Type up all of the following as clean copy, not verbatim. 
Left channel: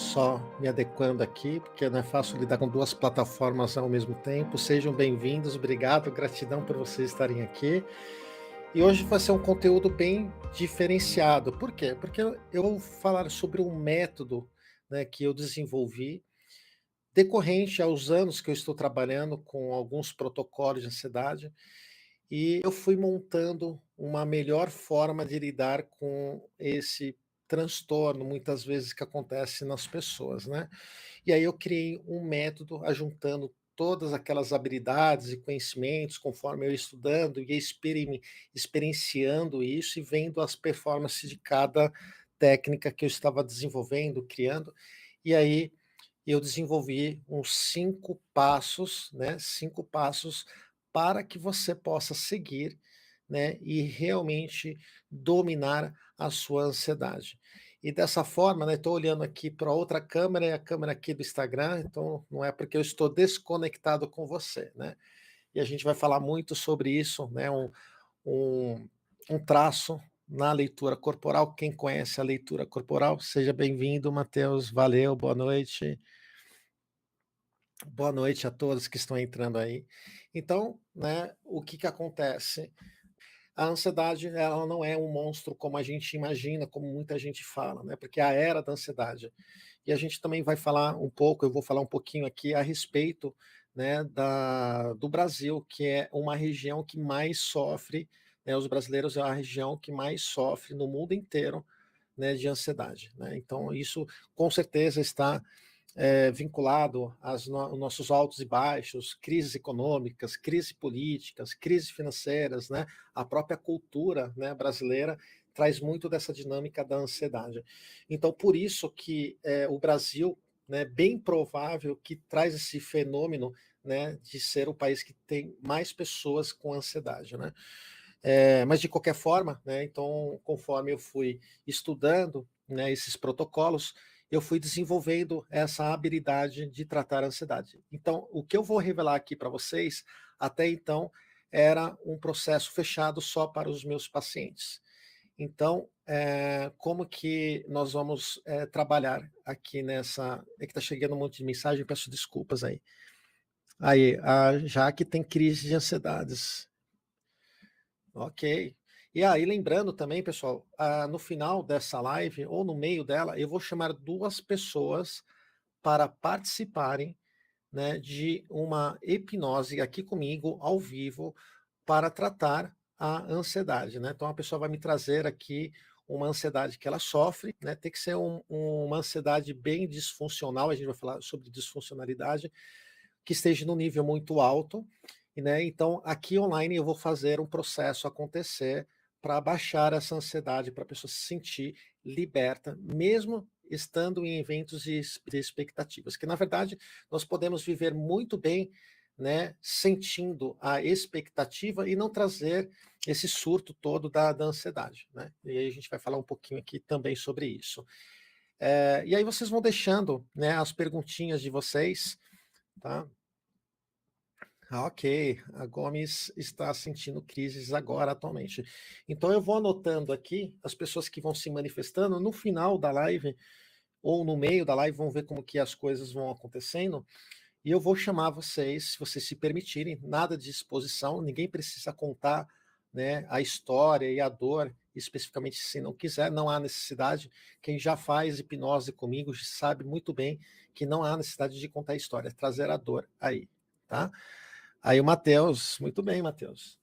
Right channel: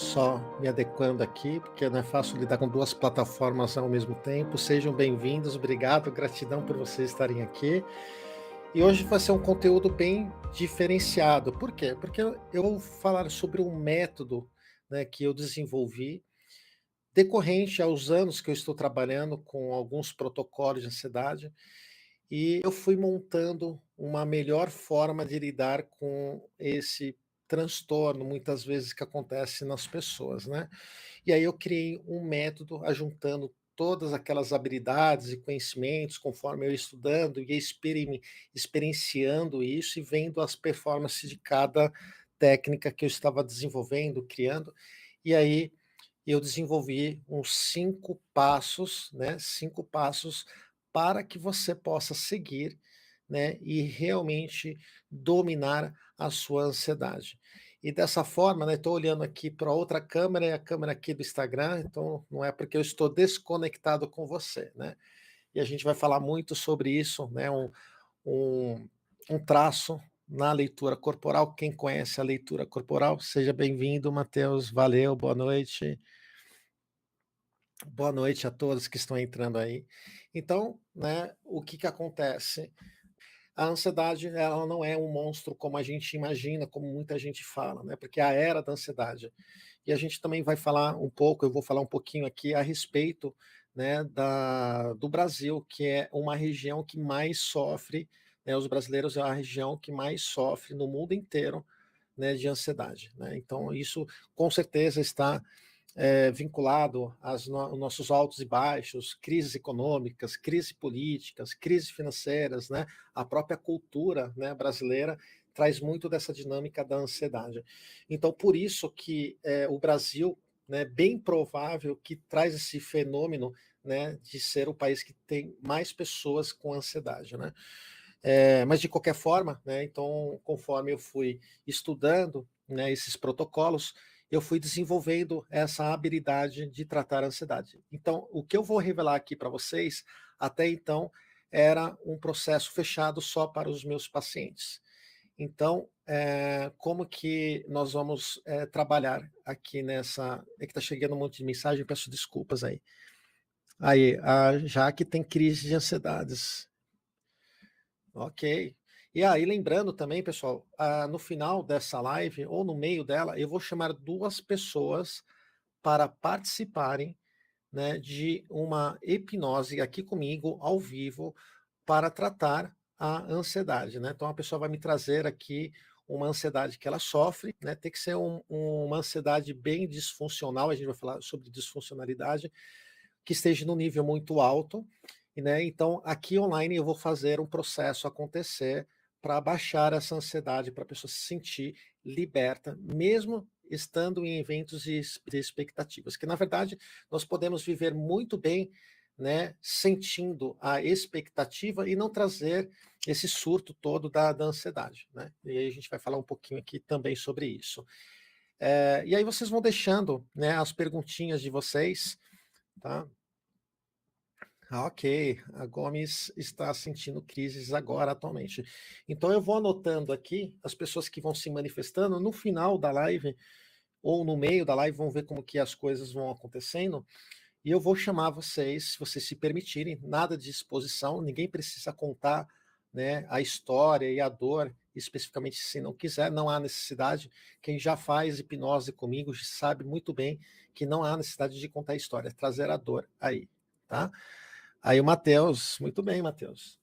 Só me adequando aqui, porque não é fácil lidar com 2 plataformas ao mesmo tempo. Sejam bem-vindos, obrigado, gratidão por vocês estarem aqui. E hoje vai ser um conteúdo bem diferenciado. Por quê? Porque eu vou falar sobre um método, né, que eu desenvolvi, decorrente aos anos que eu estou trabalhando com alguns protocolos de ansiedade, e eu fui montando uma melhor forma de lidar com esse transtorno, muitas vezes, que acontece nas pessoas, né. E aí eu criei um método ajuntando todas aquelas habilidades e conhecimentos, conforme eu ia estudando e ia experienciando isso e vendo as performances de cada técnica que eu estava desenvolvendo, criando. E aí eu desenvolvi uns 5 passos, né, 5 passos para que você possa seguir, né, e realmente dominar a sua ansiedade. E dessa forma, né, estou olhando aqui para outra câmera, é a câmera aqui do Instagram, então não é porque eu estou desconectado com você, né. E a gente vai falar muito sobre isso, né, um um traço na leitura corporal. Quem conhece a leitura corporal, seja bem-vindo, Matheus, valeu, boa noite. Boa noite a todos que estão entrando aí. Então, né, o que que acontece? A ansiedade, ela não é um monstro como a gente imagina, como muita gente fala, né? Porque é a era da ansiedade. E a gente também vai falar um pouco, eu vou falar um pouquinho aqui a respeito, né, do Brasil, que é uma região que mais sofre, né, os brasileiros é a região que mais sofre no mundo inteiro, né, de ansiedade, né? Então isso com certeza está vinculado aos nossos altos e baixos, crises econômicas, crises políticas, crises financeiras, né? A própria cultura, né, brasileira traz muito dessa dinâmica da ansiedade. Então, por isso que o Brasil, né, bem provável que traz esse fenômeno, né, de ser o país que tem mais pessoas com ansiedade, né? Mas de qualquer forma, né, então, conforme eu fui estudando, né, esses protocolos, eu fui desenvolvendo essa habilidade de tratar a ansiedade. Então, o que eu vou revelar aqui para vocês, até então, era um processo fechado só para os meus pacientes. Então, como que nós vamos trabalhar aqui nessa. É que está chegando um monte de mensagem, peço desculpas aí. Aí, a Jaque tem crise de ansiedades. Ok. E aí, lembrando também, pessoal, no final dessa live, ou no meio dela, eu vou chamar 2 pessoas para participarem, né, de uma hipnose aqui comigo, ao vivo, para tratar a ansiedade, né. Então a pessoa vai me trazer aqui uma ansiedade que ela sofre, né, tem que ser uma ansiedade bem disfuncional, a gente vai falar sobre disfuncionalidade, que esteja no nível muito alto, né? Então, aqui online eu vou fazer um processo acontecer para baixar essa ansiedade, para a pessoa se sentir liberta, mesmo estando em eventos de expectativas. Que na verdade nós podemos viver muito bem, né, sentindo a expectativa e não trazer esse surto todo da ansiedade, né? E aí a gente vai falar um pouquinho aqui também sobre isso. E aí vocês vão deixando, né, as perguntinhas de vocês, tá? Ah, ok. A Gomes está sentindo crises agora, atualmente. Então eu vou anotando aqui as pessoas que vão se manifestando no final da live ou no meio da live, vão ver como que as coisas vão acontecendo. E eu vou chamar vocês, se vocês se permitirem, nada de exposição, ninguém precisa contar, né, a história e a dor, especificamente se não quiser, não há necessidade. Quem já faz hipnose comigo sabe muito bem que não há necessidade de contar a história, é trazer a dor aí, tá? Aí o Matheus, muito bem, Matheus.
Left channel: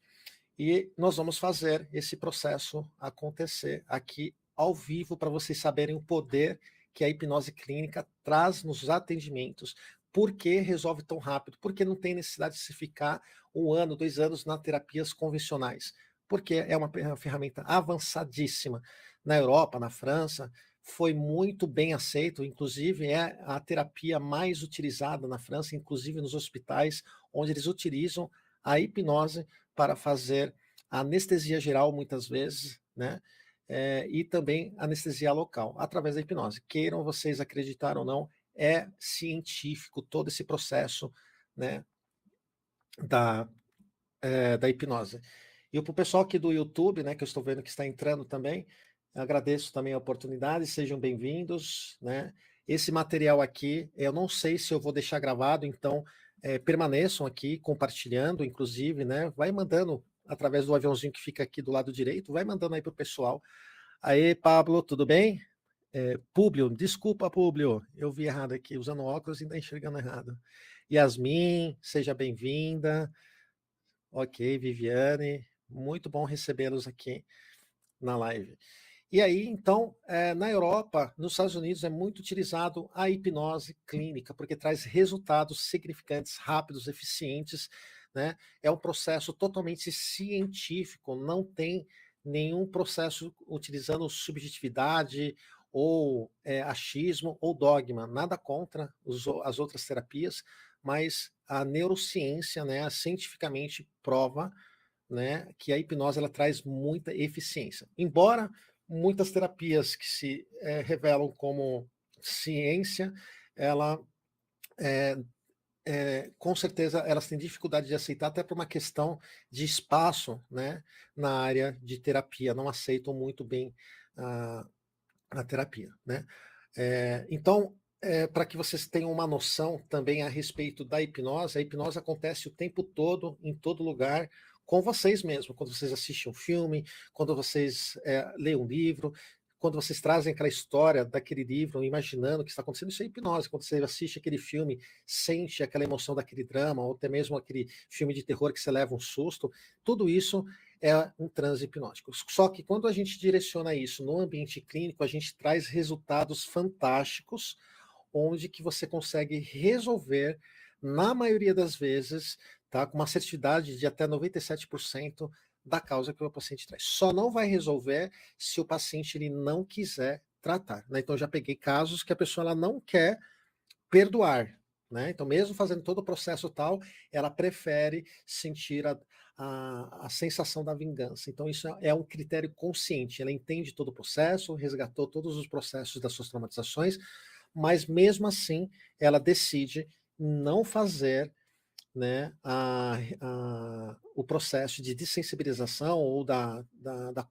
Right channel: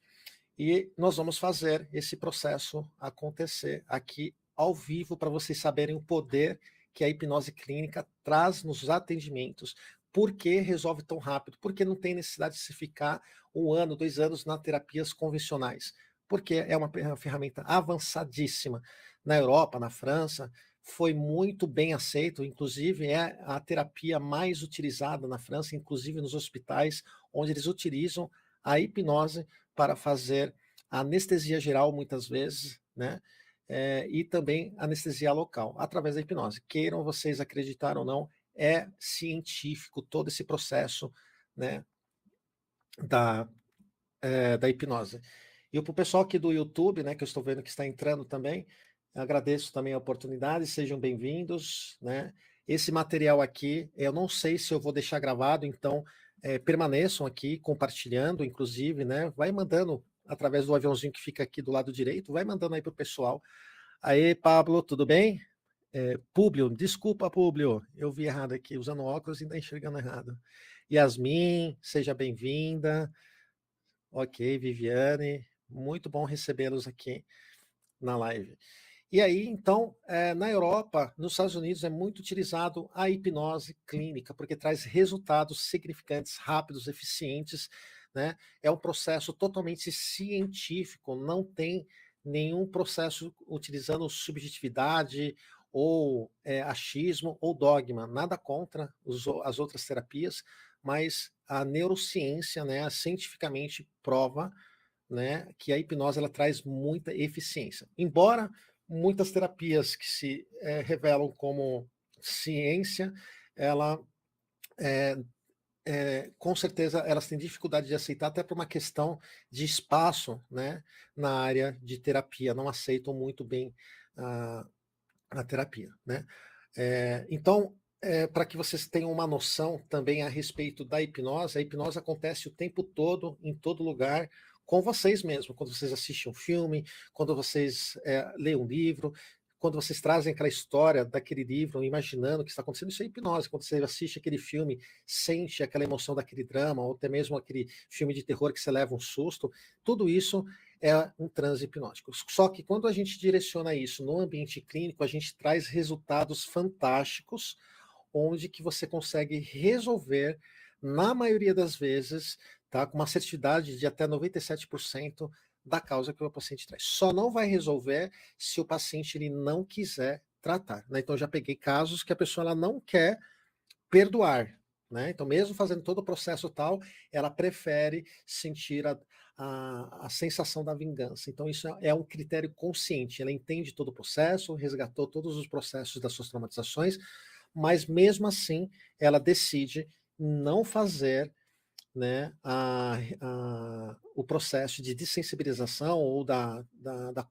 E nós vamos fazer esse processo acontecer aqui ao vivo para vocês saberem o poder que a hipnose clínica traz nos atendimentos. Por que resolve tão rápido? Porque não tem necessidade de se ficar 1 ano, 2 anos nas terapias convencionais. Porque é uma ferramenta avançadíssima. Na Europa, na França, foi muito bem aceito, inclusive é a terapia mais utilizada na França, inclusive nos hospitais, onde eles utilizam a hipnose para fazer anestesia geral, muitas vezes, né? E também anestesia local, através da hipnose. Queiram vocês acreditar ou não, é científico todo esse processo, né, da, da hipnose. E para o pessoal aqui do YouTube, né, que eu estou vendo que está entrando também, agradeço também a oportunidade, sejam bem-vindos, né? Esse material aqui, eu não sei se eu vou deixar gravado, então permaneçam aqui compartilhando, inclusive, né? Vai mandando através do aviãozinho que fica aqui do lado direito, vai mandando aí pro pessoal. Aí, Pablo, tudo bem? Públio, desculpa, Públio, eu vi errado aqui, usando óculos e ainda enxergando errado. Yasmin, seja bem-vinda. Ok, Viviane, muito bom recebê-los aqui na live. E aí, então, na Europa, nos Estados Unidos, é muito utilizado a hipnose clínica, porque traz resultados significantes, rápidos, eficientes, né? É um processo totalmente científico, não tem nenhum processo utilizando subjetividade ou achismo ou dogma, nada contra as outras terapias, mas a neurociência, né, cientificamente prova, né, que a hipnose ela traz muita eficiência. Embora muitas terapias que se revelam como ciência, ela com certeza elas têm dificuldade de aceitar, até por uma questão de espaço, né, na área de terapia, não aceitam muito bem uh, a terapia, né? Então, para que vocês tenham uma noção também a respeito da hipnose, a hipnose acontece o tempo todo, em todo lugar, com vocês mesmos, quando vocês assistem um filme, quando vocês leem um livro, quando vocês trazem aquela história daquele livro, imaginando o que está acontecendo, isso é hipnose. Quando você assiste aquele filme, sente aquela emoção daquele drama, ou até mesmo aquele filme de terror que você leva um susto, tudo isso é um transe hipnótico. Só que quando a gente direciona isso no ambiente clínico, a gente traz resultados fantásticos, onde que você consegue resolver, na maioria das vezes, tá, com uma assertividade de até 97% da causa que o paciente traz. Só não vai resolver se o paciente ele não quiser tratar, né? Então eu já peguei casos que a pessoa ela não quer perdoar, né? Então mesmo fazendo todo o processo tal, ela prefere sentir a sensação da vingança. Então isso é um critério consciente. Ela entende todo o processo, resgatou todos os processos das suas traumatizações, mas mesmo assim ela decide não fazer, né, o processo de dessensibilização ou da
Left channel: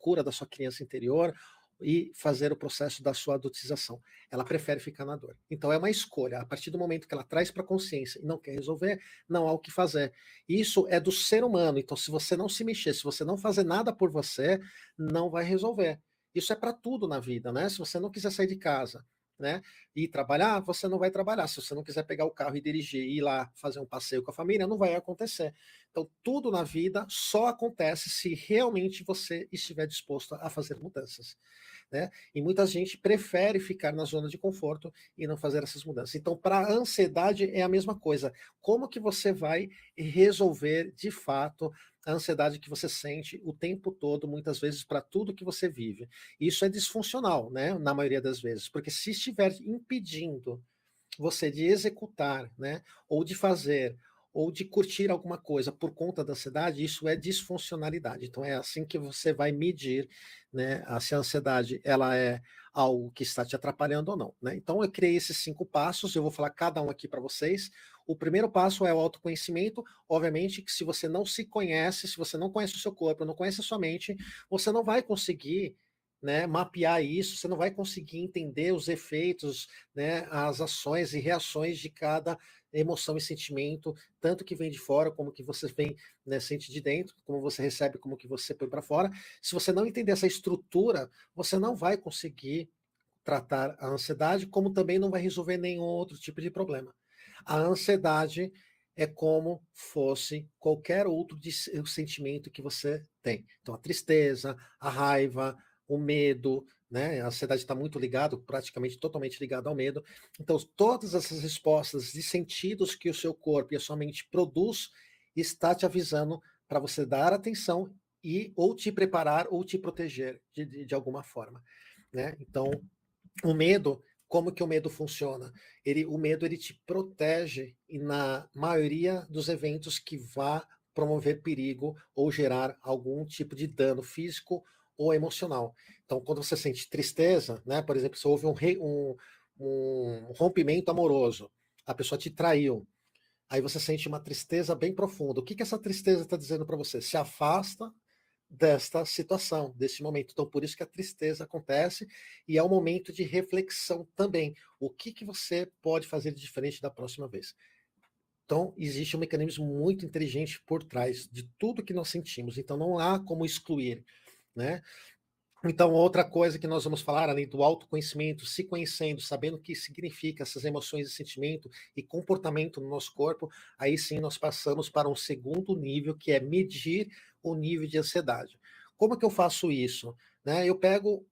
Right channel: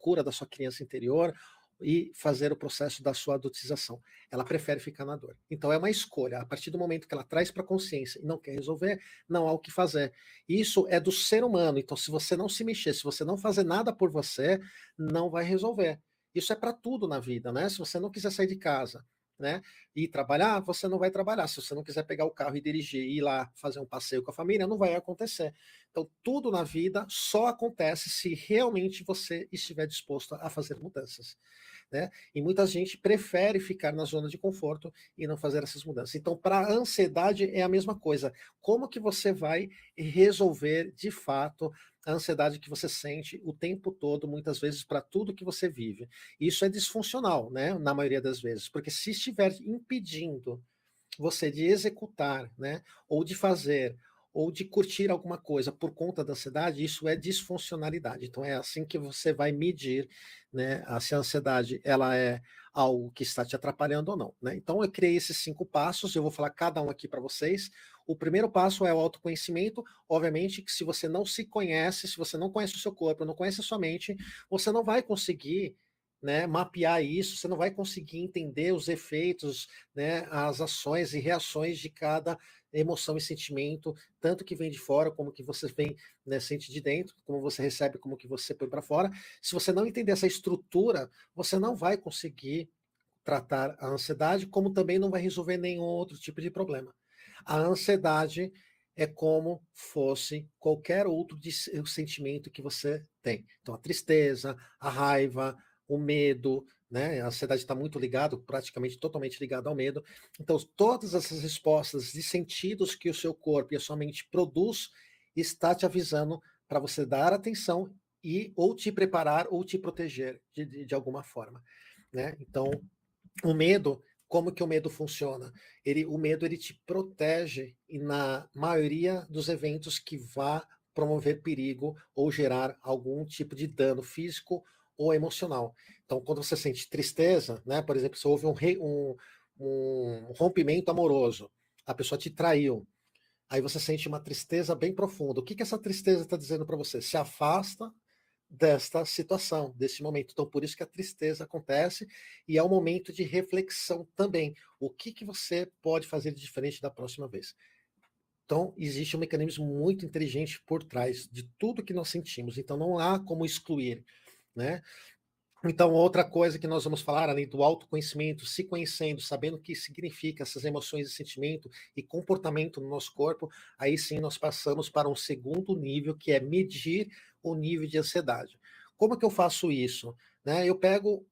cura da sua criança interior e fazer o processo da sua adultização. Ela prefere ficar na dor. Então é uma escolha. A partir do momento que ela traz para a consciência e não quer resolver, não há o que fazer. Isso é do ser humano. Então, se você não se mexer, se você não fazer nada por você, não vai resolver. Isso é para tudo na vida, né? Se você não quiser sair de casa, né, e trabalhar, você não vai trabalhar. Se você não quiser pegar o carro e dirigir e ir lá fazer um passeio com a família, não vai acontecer. Então, tudo na vida só acontece se realmente você estiver disposto a fazer mudanças, né? E muita gente prefere ficar na zona de conforto e não fazer essas mudanças. Então, para a ansiedade é a mesma coisa. Como que você vai resolver de fato a ansiedade que você sente o tempo todo, muitas vezes, para tudo que você vive? Isso é disfuncional, né? Na maioria das vezes, porque se estiver impedindo você de executar, né, ou de fazer, ou de curtir alguma coisa por conta da ansiedade, isso é disfuncionalidade. Então é assim que você vai medir, né, se a ansiedade ela é algo que está te atrapalhando ou não, né? Então eu criei esses 5 passos, eu vou falar cada um aqui para vocês. O primeiro passo é o autoconhecimento. Obviamente que se você não se conhece, se você não conhece o seu corpo, não conhece a sua mente, você não vai conseguir, né, mapear isso, você não vai conseguir entender os efeitos, né, as ações e reações de cada emoção e sentimento, tanto que vem de fora como que você vem, né, sente de dentro, como você recebe, como que você põe para fora. Se você não entender essa estrutura, você não vai conseguir tratar a ansiedade, como também não vai resolver nenhum outro tipo de problema. A ansiedade é como fosse qualquer outro sentimento que você tem. Então, a tristeza, a raiva, o medo, né? A ansiedade está muito ligado, praticamente totalmente ligado ao medo. Então, todas essas respostas de sentidos que o seu corpo e a sua mente produz está te avisando para você dar atenção e ou te preparar ou te proteger de alguma forma, né? Então, o medo, como que o medo funciona? O medo ele te protege e na maioria dos eventos que vá promover perigo ou gerar algum tipo de dano físico ou emocional. Então, quando você sente tristeza, né, por exemplo, se houve um rompimento amoroso, a pessoa te traiu, aí você sente uma tristeza bem profunda. O que essa tristeza está dizendo para você? Se afasta, desta situação, desse momento. Então, por isso que a tristeza acontece e é um momento de reflexão também. O que, que você pode fazer de diferente da próxima vez? Então, existe um mecanismo muito inteligente por trás de tudo que nós sentimos. Então, não há como excluir, né? Então, outra coisa que nós vamos falar, além do autoconhecimento, se conhecendo, sabendo o que significa essas emoções e sentimento e comportamento no nosso corpo, aí sim nós passamos para um segundo nível, que é medir o nível de ansiedade. Como que eu faço isso? Né? Eu pego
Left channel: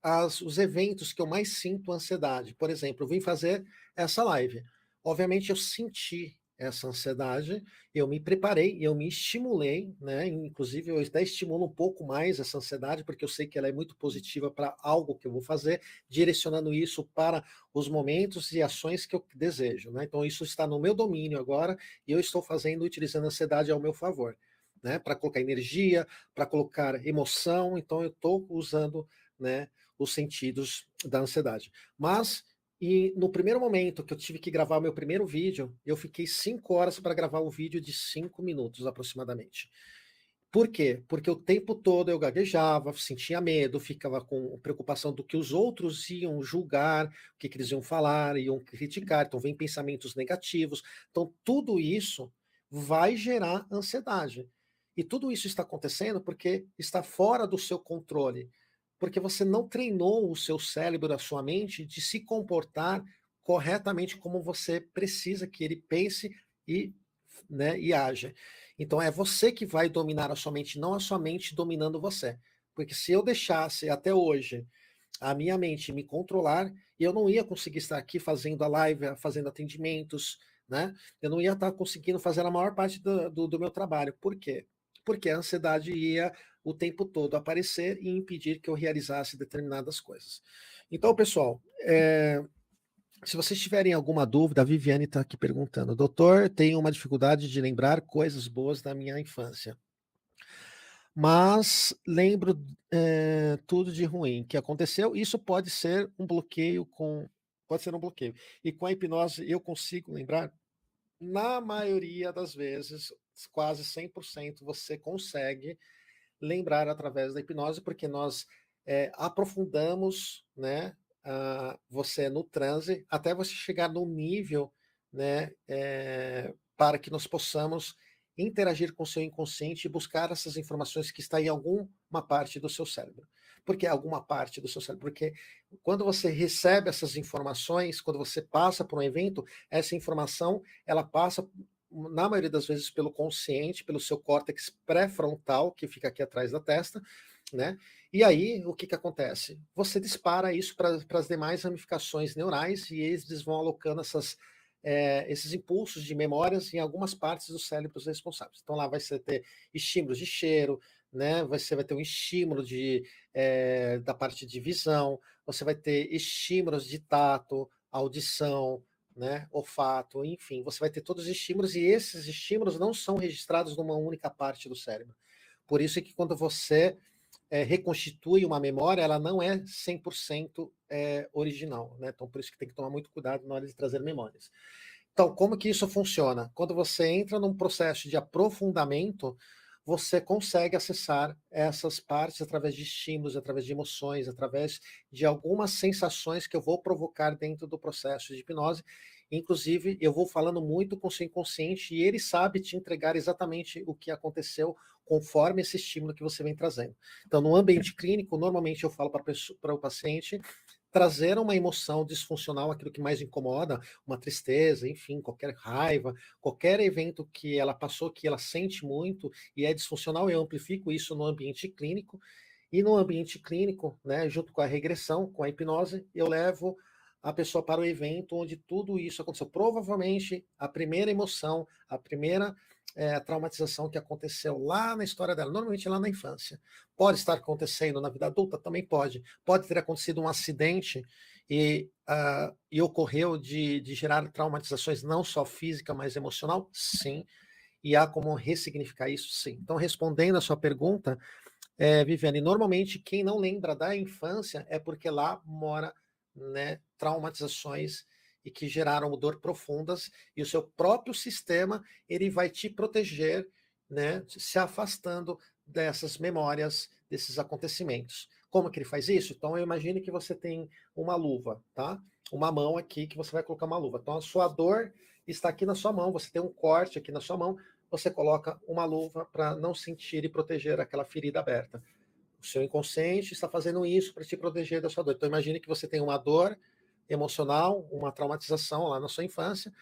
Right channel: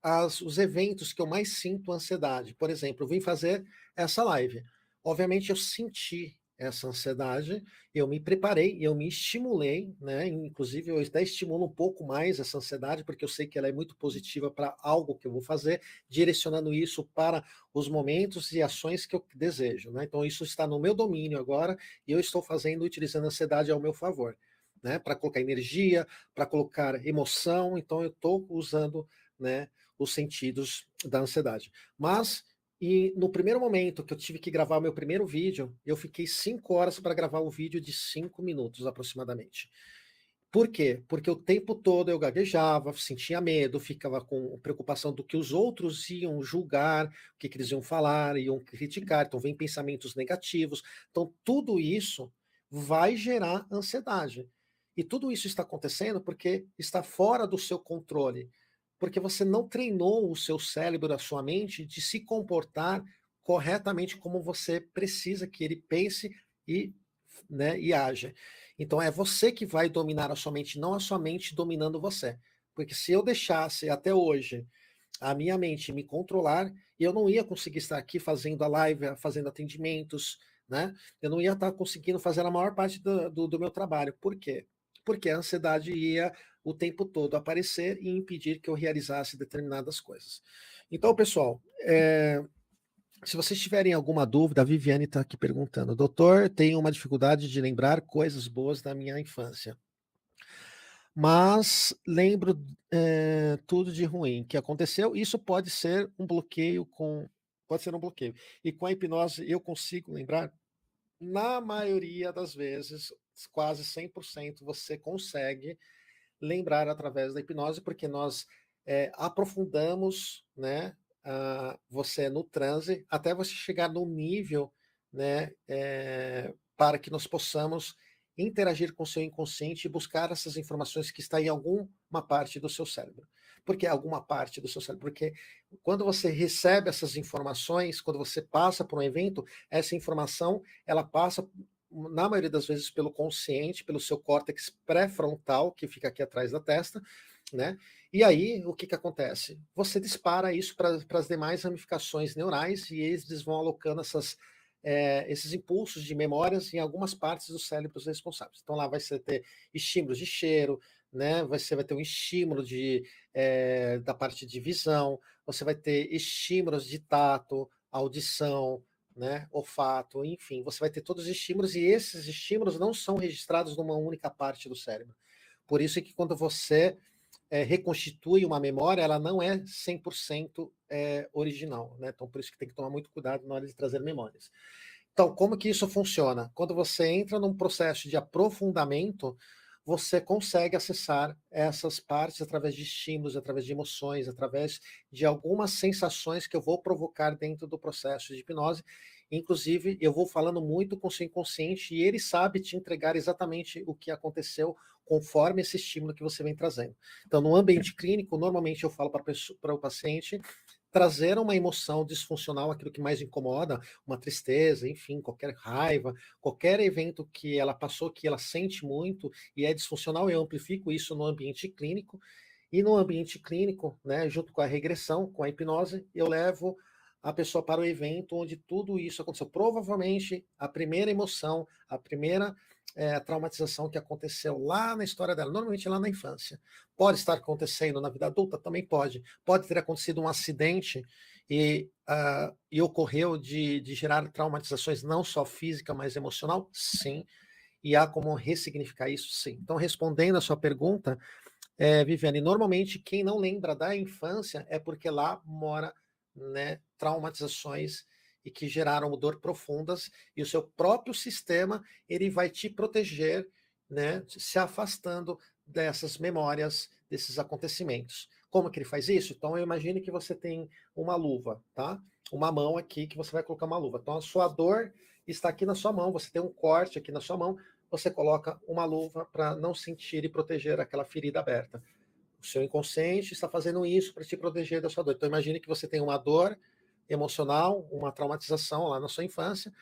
os eventos que eu mais sinto ansiedade. Por exemplo, eu vim fazer essa live. Obviamente, eu senti essa ansiedade, eu me preparei, eu me estimulei, né? Inclusive, eu até estimulo um pouco mais essa ansiedade, porque eu sei que ela é muito positiva para algo que eu vou fazer, direcionando isso para os momentos e ações que eu desejo, né? Então, isso está no meu domínio agora e eu estou fazendo, utilizando a ansiedade ao meu favor, né? Para colocar energia, para colocar emoção, então eu estou usando, né, os sentidos da ansiedade. Mas e no primeiro momento que eu tive que gravar o meu primeiro vídeo, eu fiquei 5 horas para gravar um vídeo de 5 minutos aproximadamente. Por quê? Porque o tempo todo eu gaguejava, sentia medo, ficava com preocupação do que os outros iam julgar, o que, que eles iam falar, iam me criticar, talvez pensamentos negativos. Então, tudo isso vai gerar ansiedade. E tudo isso está acontecendo porque está fora do seu controle. Porque você não treinou o seu cérebro, a sua mente, de se comportar corretamente como você precisa que ele pense e, né, e haja. Então é você que vai dominar a sua mente, não a sua mente dominando você. Porque se eu deixasse até hoje a minha mente me controlar, eu não ia conseguir estar aqui fazendo a live, fazendo atendimentos, né? Eu não ia estar conseguindo fazer a maior parte do meu trabalho. Por quê? Porque a ansiedade ia o tempo todo aparecer e impedir que eu realizasse determinadas coisas. Então, pessoal, se vocês tiverem alguma dúvida, a Viviane está aqui perguntando: doutor, tenho uma dificuldade de lembrar coisas boas da minha infância, mas lembro tudo de ruim que aconteceu. Isso pode ser um bloqueio com. Pode ser um bloqueio. E com a hipnose eu consigo lembrar, na maioria das vezes, quase 100%, você consegue lembrar através da hipnose, porque nós aprofundamos, né, você no transe, até você chegar no nível, né, para que nós possamos interagir com o seu inconsciente e buscar essas informações que estão em alguma parte do seu cérebro. Por que alguma parte do seu cérebro? Porque quando você recebe essas informações, quando você passa por um evento, essa informação ela passa na maioria das vezes pelo consciente, pelo seu córtex pré-frontal, que fica aqui atrás da testa, né? E aí, o que, que acontece? Você dispara isso para as demais ramificações neurais e eles vão alocando esses impulsos de memórias em algumas partes dos cérebros responsáveis. Então lá vai ter estímulos de cheiro, né? Você vai ter um estímulo da parte de visão, você vai ter estímulos de tato, audição, né, olfato, enfim, você vai ter todos os estímulos e esses estímulos não são registrados numa única parte do cérebro. Por isso é que quando você reconstitui uma memória, ela não é 100% original, né? Então por isso que tem que tomar muito cuidado na hora de trazer memórias. Então, como que isso funciona? Quando você entra num processo de aprofundamento, você consegue acessar essas partes através de estímulos, através de emoções, através de algumas sensações que eu vou provocar dentro do processo de hipnose. Inclusive, eu vou falando muito com o seu inconsciente e ele sabe te entregar exatamente o que aconteceu conforme esse estímulo que você vem trazendo. Então, no ambiente clínico, normalmente eu falo para o paciente trazer uma emoção disfuncional, aquilo que mais incomoda, uma tristeza, enfim, qualquer raiva, qualquer evento que ela passou, que ela sente muito e é disfuncional, eu amplifico isso no ambiente clínico. E no ambiente clínico, né, junto com a regressão, com a hipnose, eu levo a pessoa para o evento onde tudo isso aconteceu. Provavelmente a primeira emoção, a primeira traumatização que aconteceu lá na história dela, normalmente lá na infância. Pode estar acontecendo na vida adulta? Também pode. Pode ter acontecido um acidente e ocorreu de gerar traumatizações não só física, mas emocional? Sim. E há como ressignificar isso? Sim. Então, respondendo a sua pergunta, Viviane, normalmente quem não lembra da infância é porque lá mora, né, traumatizações e que geraram dor profundas e o seu próprio sistema ele vai te proteger, né, se afastando dessas memórias, desses acontecimentos. Como que ele faz isso? Então, eu imagino que você tem uma luva, tá? Uma mão aqui que você vai colocar uma luva. Então, a sua dor está aqui na sua mão, você tem um corte aqui na sua mão, você coloca uma luva para não sentir e proteger aquela ferida aberta. O seu inconsciente está fazendo isso para te proteger dessa dor. Então, imagine que você tem uma dor emocional, uma traumatização lá na sua infância,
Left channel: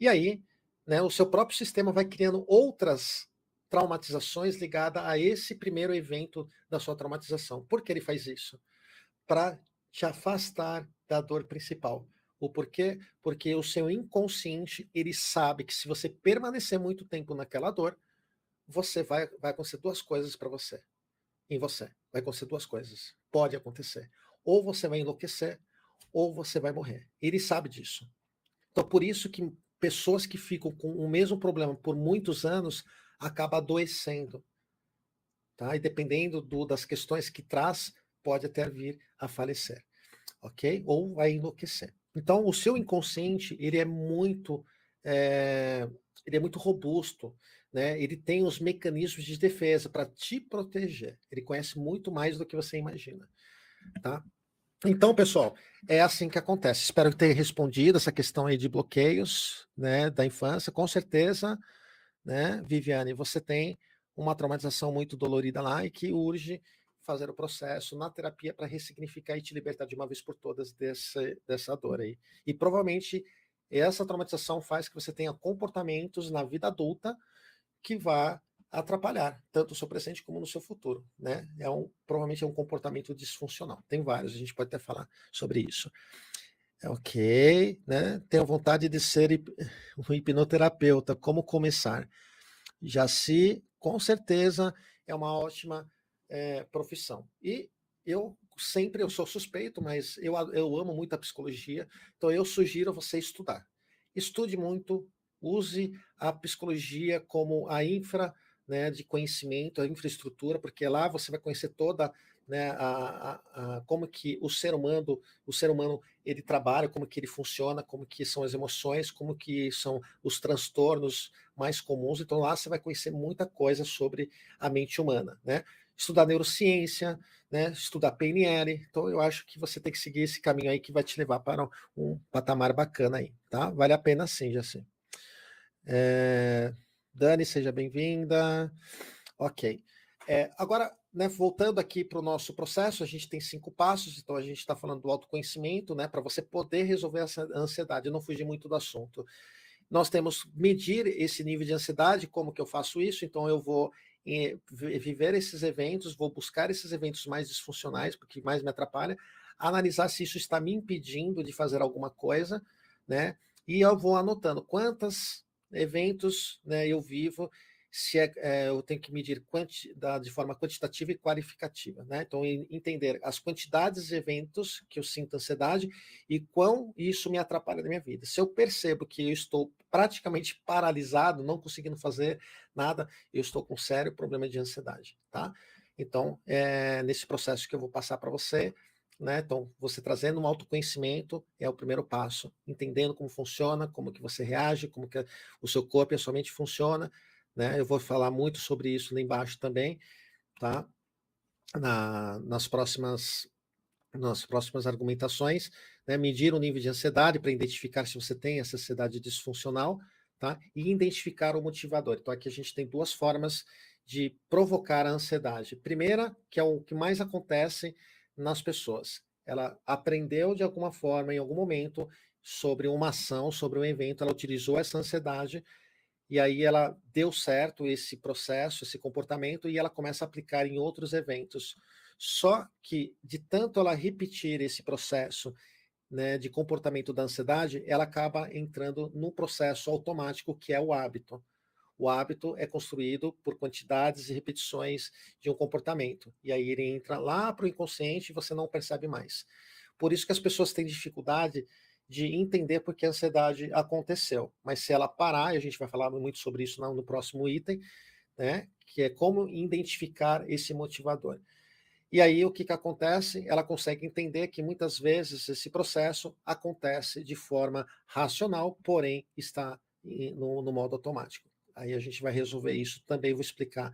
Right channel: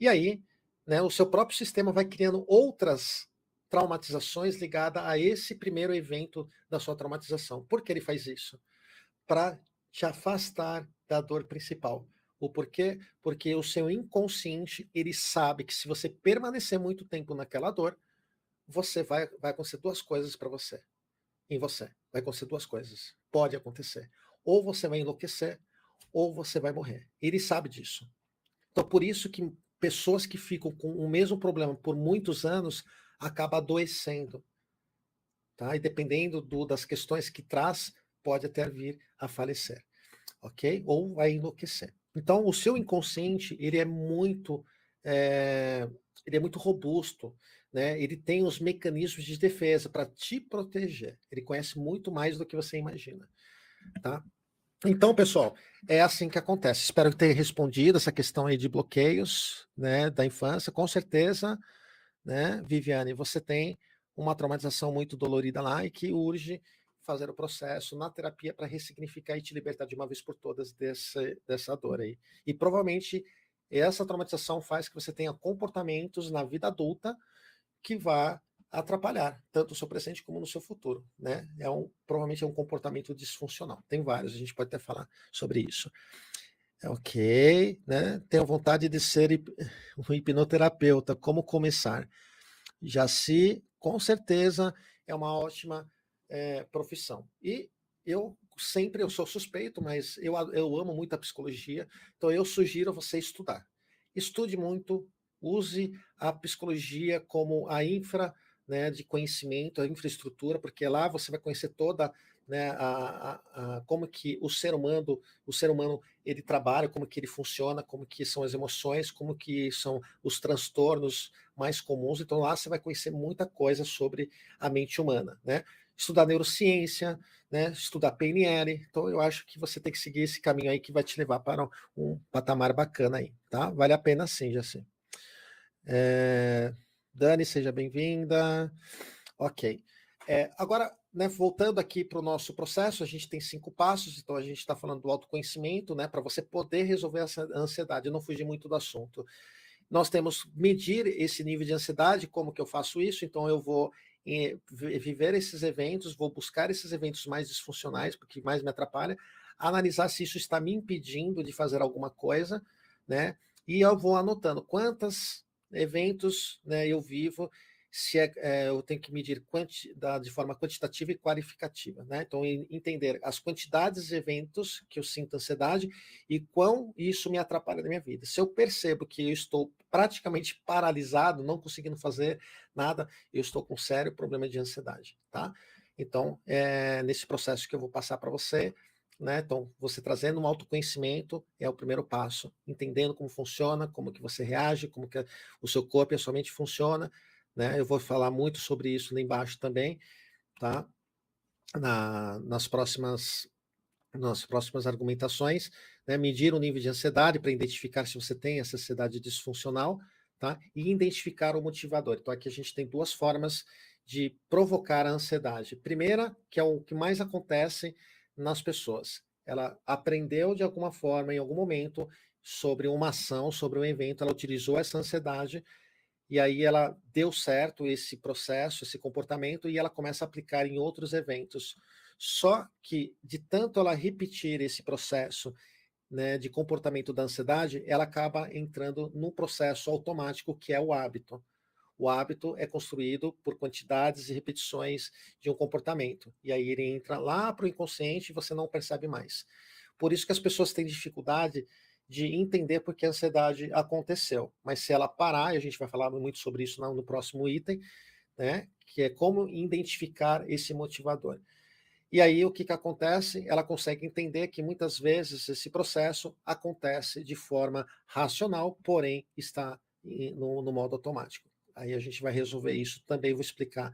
e aí, né, o seu próprio sistema vai criando outras traumatizações ligadas a esse primeiro evento da sua traumatização. Por que ele faz isso? Para te afastar da dor principal. O porquê? Porque o seu inconsciente, ele sabe que se você permanecer muito tempo naquela dor, você vai acontecer duas coisas para você. Em você. Vai acontecer duas coisas. Pode acontecer. Ou você vai enlouquecer, ou você vai morrer. Ele sabe disso. Então, por isso que pessoas que ficam com o mesmo problema por muitos anos acabam adoecendo. Tá? E dependendo das questões que traz, pode até vir a falecer. Ok? Ou a enlouquecer. Então, o seu inconsciente, ele é muito robusto, né? Ele tem os mecanismos de defesa para te proteger. Ele conhece muito mais do que você imagina, tá? Então, pessoal, é assim que acontece. Espero ter respondido essa questão aí de bloqueios, né, da infância. Com certeza, né, Viviane, você tem uma traumatização muito dolorida lá e que urge fazer o processo na terapia para ressignificar e te libertar de uma vez por todas dessa dor aí. E provavelmente essa traumatização faz que você tenha comportamentos na vida adulta que vá atrapalhar tanto o seu presente como no seu futuro, né? Provavelmente é um comportamento disfuncional. Tem vários, a gente pode até falar sobre isso. Ok, né? Tenho vontade de ser um hipnoterapeuta. Como começar? Jaci, com certeza, é uma ótima profissão. E eu sou suspeito, mas eu amo muito a psicologia, então eu sugiro a você estudar. Estude muito, use a psicologia como a né, de conhecimento, a infraestrutura, porque lá você vai conhecer toda, né, como que o ser humano ele trabalha, como que ele funciona, como que são as emoções, como que são os transtornos mais comuns. Então lá você vai conhecer muita coisa sobre a mente humana, né? Estudar neurociência, né? Estudar PNL. Então eu acho que você tem que seguir esse caminho aí que vai te levar para um patamar bacana aí, tá? Vale a pena sim, já sim. Dani, seja bem-vinda. Ok. Agora, né, voltando aqui para o nosso processo, a gente tem 5 passos, então a gente está falando do autoconhecimento, né, para você poder resolver essa ansiedade. Eu não fugi muito do assunto. Nós temos medir esse nível de ansiedade, como que eu faço isso? Então eu vou viver esses eventos, vou buscar esses eventos mais disfuncionais, porque mais me atrapalha, analisar se isso está me impedindo de fazer alguma coisa, né? E eu vou anotando quantos eventos, né, eu vivo, se eu tenho que medir de forma quantitativa e qualificativa, né? Então entender as quantidades de eventos que eu sinto ansiedade e quão isso me atrapalha na minha vida. Se eu percebo que eu estou praticamente paralisado, não conseguindo fazer nada, eu estou com sério problema de ansiedade, tá? Então, nesse processo que eu vou passar para você, né? Então, você trazendo um autoconhecimento é o primeiro passo, entendendo como funciona, como que você reage, como que o seu corpo e a sua mente funciona, né? Eu vou falar muito sobre isso lá embaixo também, tá? Nas próximas argumentações, né, medir o nível de ansiedade para identificar se você tem essa ansiedade disfuncional, tá? E identificar o motivador. Então aqui a gente tem duas formas de provocar a ansiedade. Primeira, que é o que mais acontece nas pessoas. Ela aprendeu de alguma forma, em algum momento, sobre uma ação, sobre um evento, ela utilizou essa ansiedade e aí ela deu certo esse processo, esse comportamento, e ela começa a aplicar em outros eventos. Só que, de tanto ela repetir esse processo, né, de comportamento da ansiedade, ela acaba entrando num processo automático que é o hábito. O hábito é construído por quantidades e repetições de um comportamento. E aí ele entra lá para o inconsciente e você não percebe mais. Por isso que as pessoas têm dificuldade de entender por que a ansiedade aconteceu. Mas se ela parar, e a gente vai falar muito sobre isso no próximo item, né, que é como identificar esse motivador. E aí o que acontece? Ela consegue entender que muitas vezes esse processo acontece de forma racional, porém está no modo automático. Aí a gente vai resolver isso, também vou explicar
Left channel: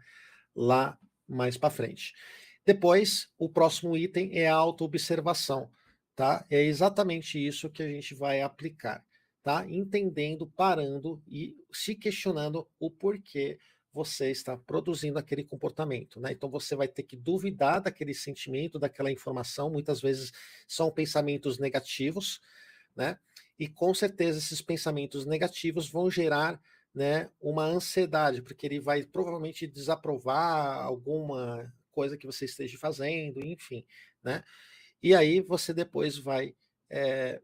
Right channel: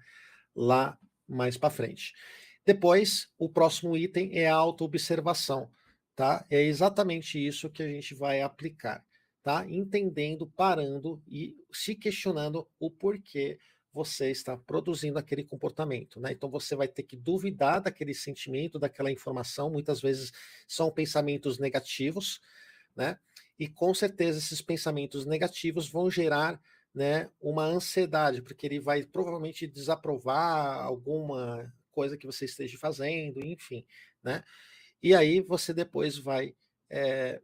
lá mais para frente. Depois, o próximo item é a autoobservação, tá? É exatamente isso que a gente vai aplicar, tá? Entendendo, parando e se questionando o porquê você está produzindo aquele comportamento, né? Então você vai ter que duvidar daquele sentimento, daquela informação, muitas vezes são pensamentos negativos, né? E com certeza esses pensamentos negativos vão gerar, né, uma ansiedade, porque ele vai provavelmente desaprovar alguma coisa que você esteja fazendo, enfim, né? E aí você depois vai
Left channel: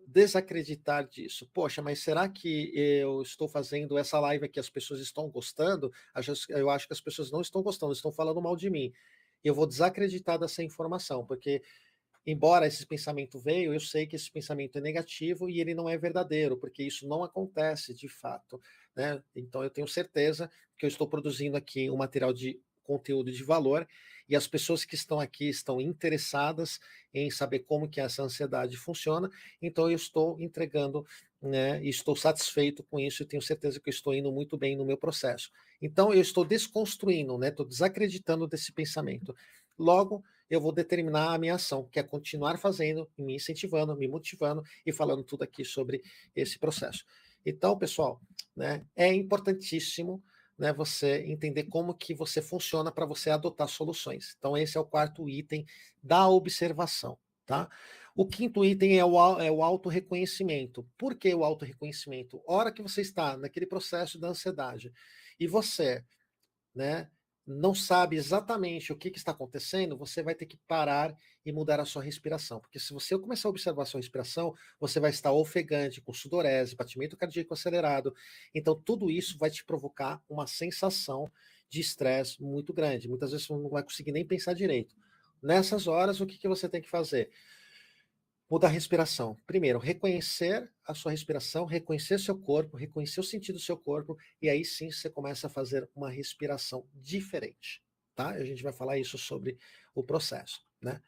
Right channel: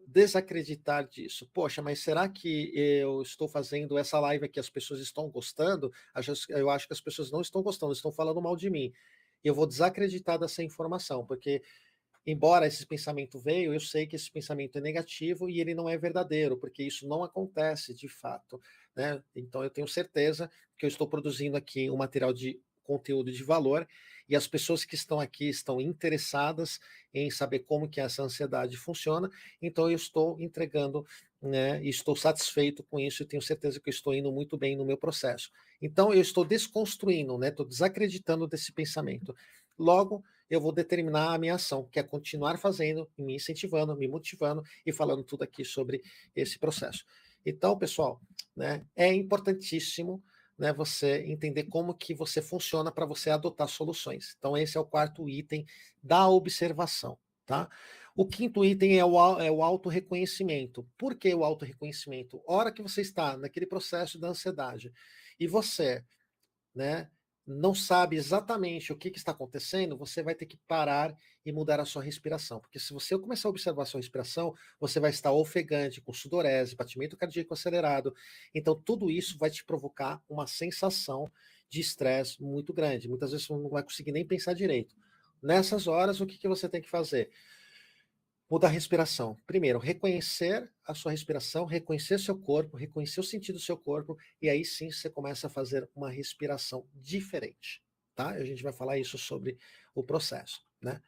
desacreditar disso. Poxa, mas será que eu estou fazendo essa live aqui, as pessoas estão gostando? Eu acho que as pessoas não estão gostando, estão falando mal de mim. Eu vou desacreditar dessa informação, porque embora esse pensamento veio, eu sei que esse pensamento é negativo e ele não é verdadeiro, porque isso não acontece de fato, né? Então eu tenho certeza que eu estou produzindo aqui um material de conteúdo de valor e as pessoas que estão aqui estão interessadas em saber como que essa ansiedade funciona, então eu estou entregando, né, e estou satisfeito com isso e tenho certeza que eu estou indo muito bem no meu processo. Então eu estou desconstruindo, né, estou desacreditando desse pensamento. Logo, eu vou determinar a minha ação, que é continuar fazendo, me incentivando, me motivando e falando tudo aqui sobre esse processo. Então, pessoal, né, é importantíssimo, né, você entender como que você funciona para você adotar soluções. Então, esse é o quarto item da observação, tá? O quinto item é o autorreconhecimento. Por que o autorreconhecimento? Hora que você está naquele processo da ansiedade e você, né, não sabe exatamente o que está acontecendo, você vai ter que parar e mudar a sua respiração. Porque se você começar a observar a sua respiração, você vai estar ofegante, com sudorese, batimento cardíaco acelerado. Então, tudo isso vai te provocar uma sensação de estresse muito grande. Muitas vezes você não vai conseguir nem pensar direito. Nessas horas, o que você tem que fazer? Mudar a respiração. Primeiro, reconhecer a sua respiração, reconhecer seu corpo, reconhecer o sentido do seu corpo, e aí sim você começa a fazer uma respiração diferente, tá? A gente vai falar isso sobre o processo, né?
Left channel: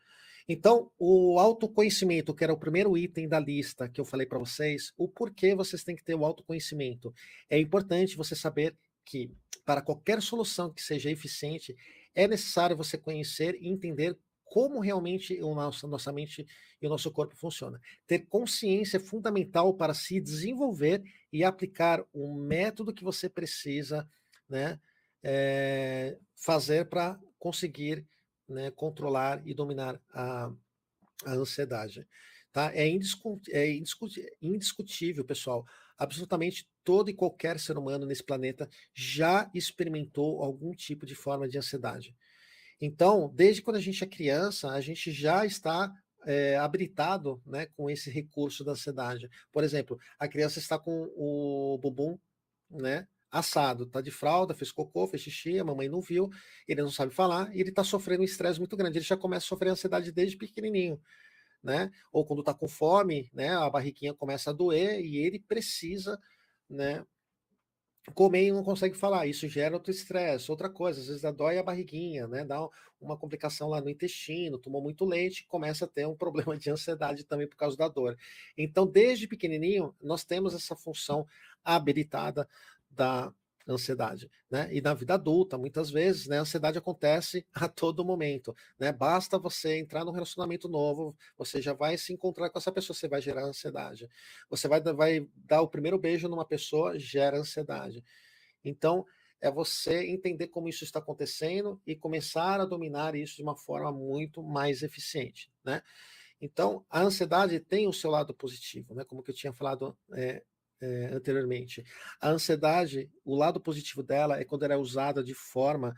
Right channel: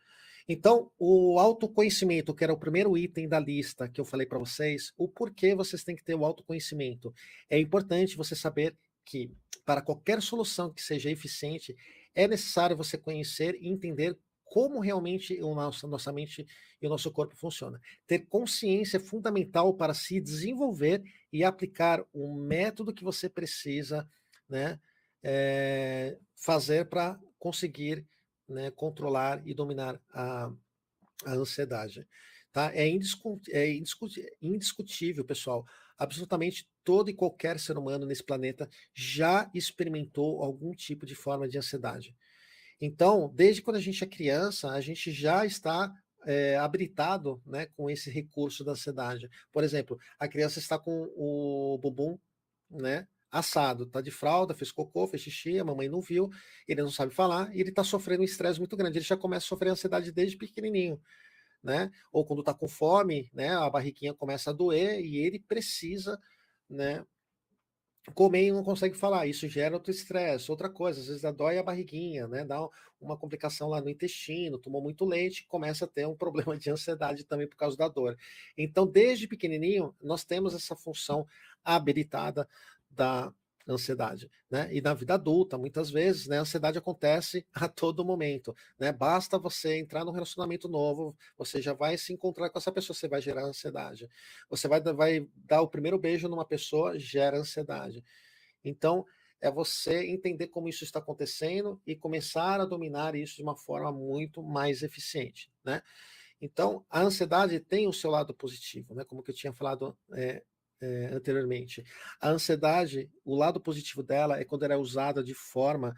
Então, o autoconhecimento, que era o primeiro item da lista que eu falei para vocês, o porquê vocês têm que ter o autoconhecimento. É importante você saber que, para qualquer solução que seja eficiente, é necessário você conhecer e entender como realmente nossa mente e o nosso corpo funciona. Ter consciência é fundamental para se desenvolver e aplicar um método que você precisa, né, fazer para conseguir, né, controlar e dominar a ansiedade. Tá? Indiscutível, pessoal. Absolutamente todo e qualquer ser humano nesse planeta já experimentou algum tipo de forma de ansiedade. Então, desde quando a gente é criança, a gente já está habilitado, né, com esse recurso da ansiedade. Por exemplo, a criança está com o bumbum, né, assado, tá de fralda, fez cocô, fez xixi, a mamãe não viu, ele não sabe falar, e ele está sofrendo um estresse muito grande. Ele já começa a sofrer ansiedade desde pequenininho, né? Ou quando está com fome, né, a barriguinha começa a doer e ele precisa, né, comer e não consegue falar. Isso gera outro estresse, outra coisa. Às vezes dói a barriguinha, né? Dá uma complicação lá no intestino, tomou muito leite, começa a ter um problema de ansiedade também por causa da dor. Então, desde pequenininho, nós temos essa função habilitada da ansiedade, né? E na vida adulta, muitas vezes, né, a ansiedade acontece a todo momento, né? Basta você entrar num relacionamento novo, você já vai se encontrar com essa pessoa, você vai gerar ansiedade. Você vai dar o primeiro beijo numa pessoa, gera ansiedade. Então, é você entender como isso está acontecendo e começar a dominar isso de uma forma muito mais eficiente, né? Então, a ansiedade tem o seu lado positivo, né? Como que eu tinha falado anteriormente. A ansiedade, o lado positivo dela é quando ela é usada de forma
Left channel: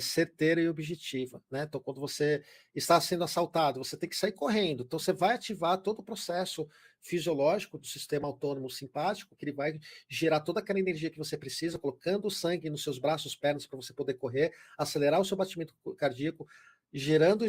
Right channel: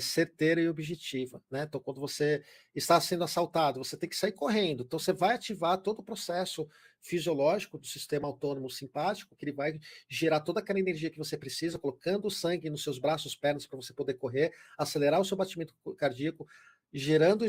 certeira e objetiva, né? Então, quando você está sendo assaltado, você tem que sair correndo. Então, você vai ativar todo o processo fisiológico do sistema autônomo simpático, que ele vai gerar toda aquela energia que você precisa, colocando o sangue nos seus braços, pernas, para você poder correr, acelerar o seu batimento cardíaco, gerando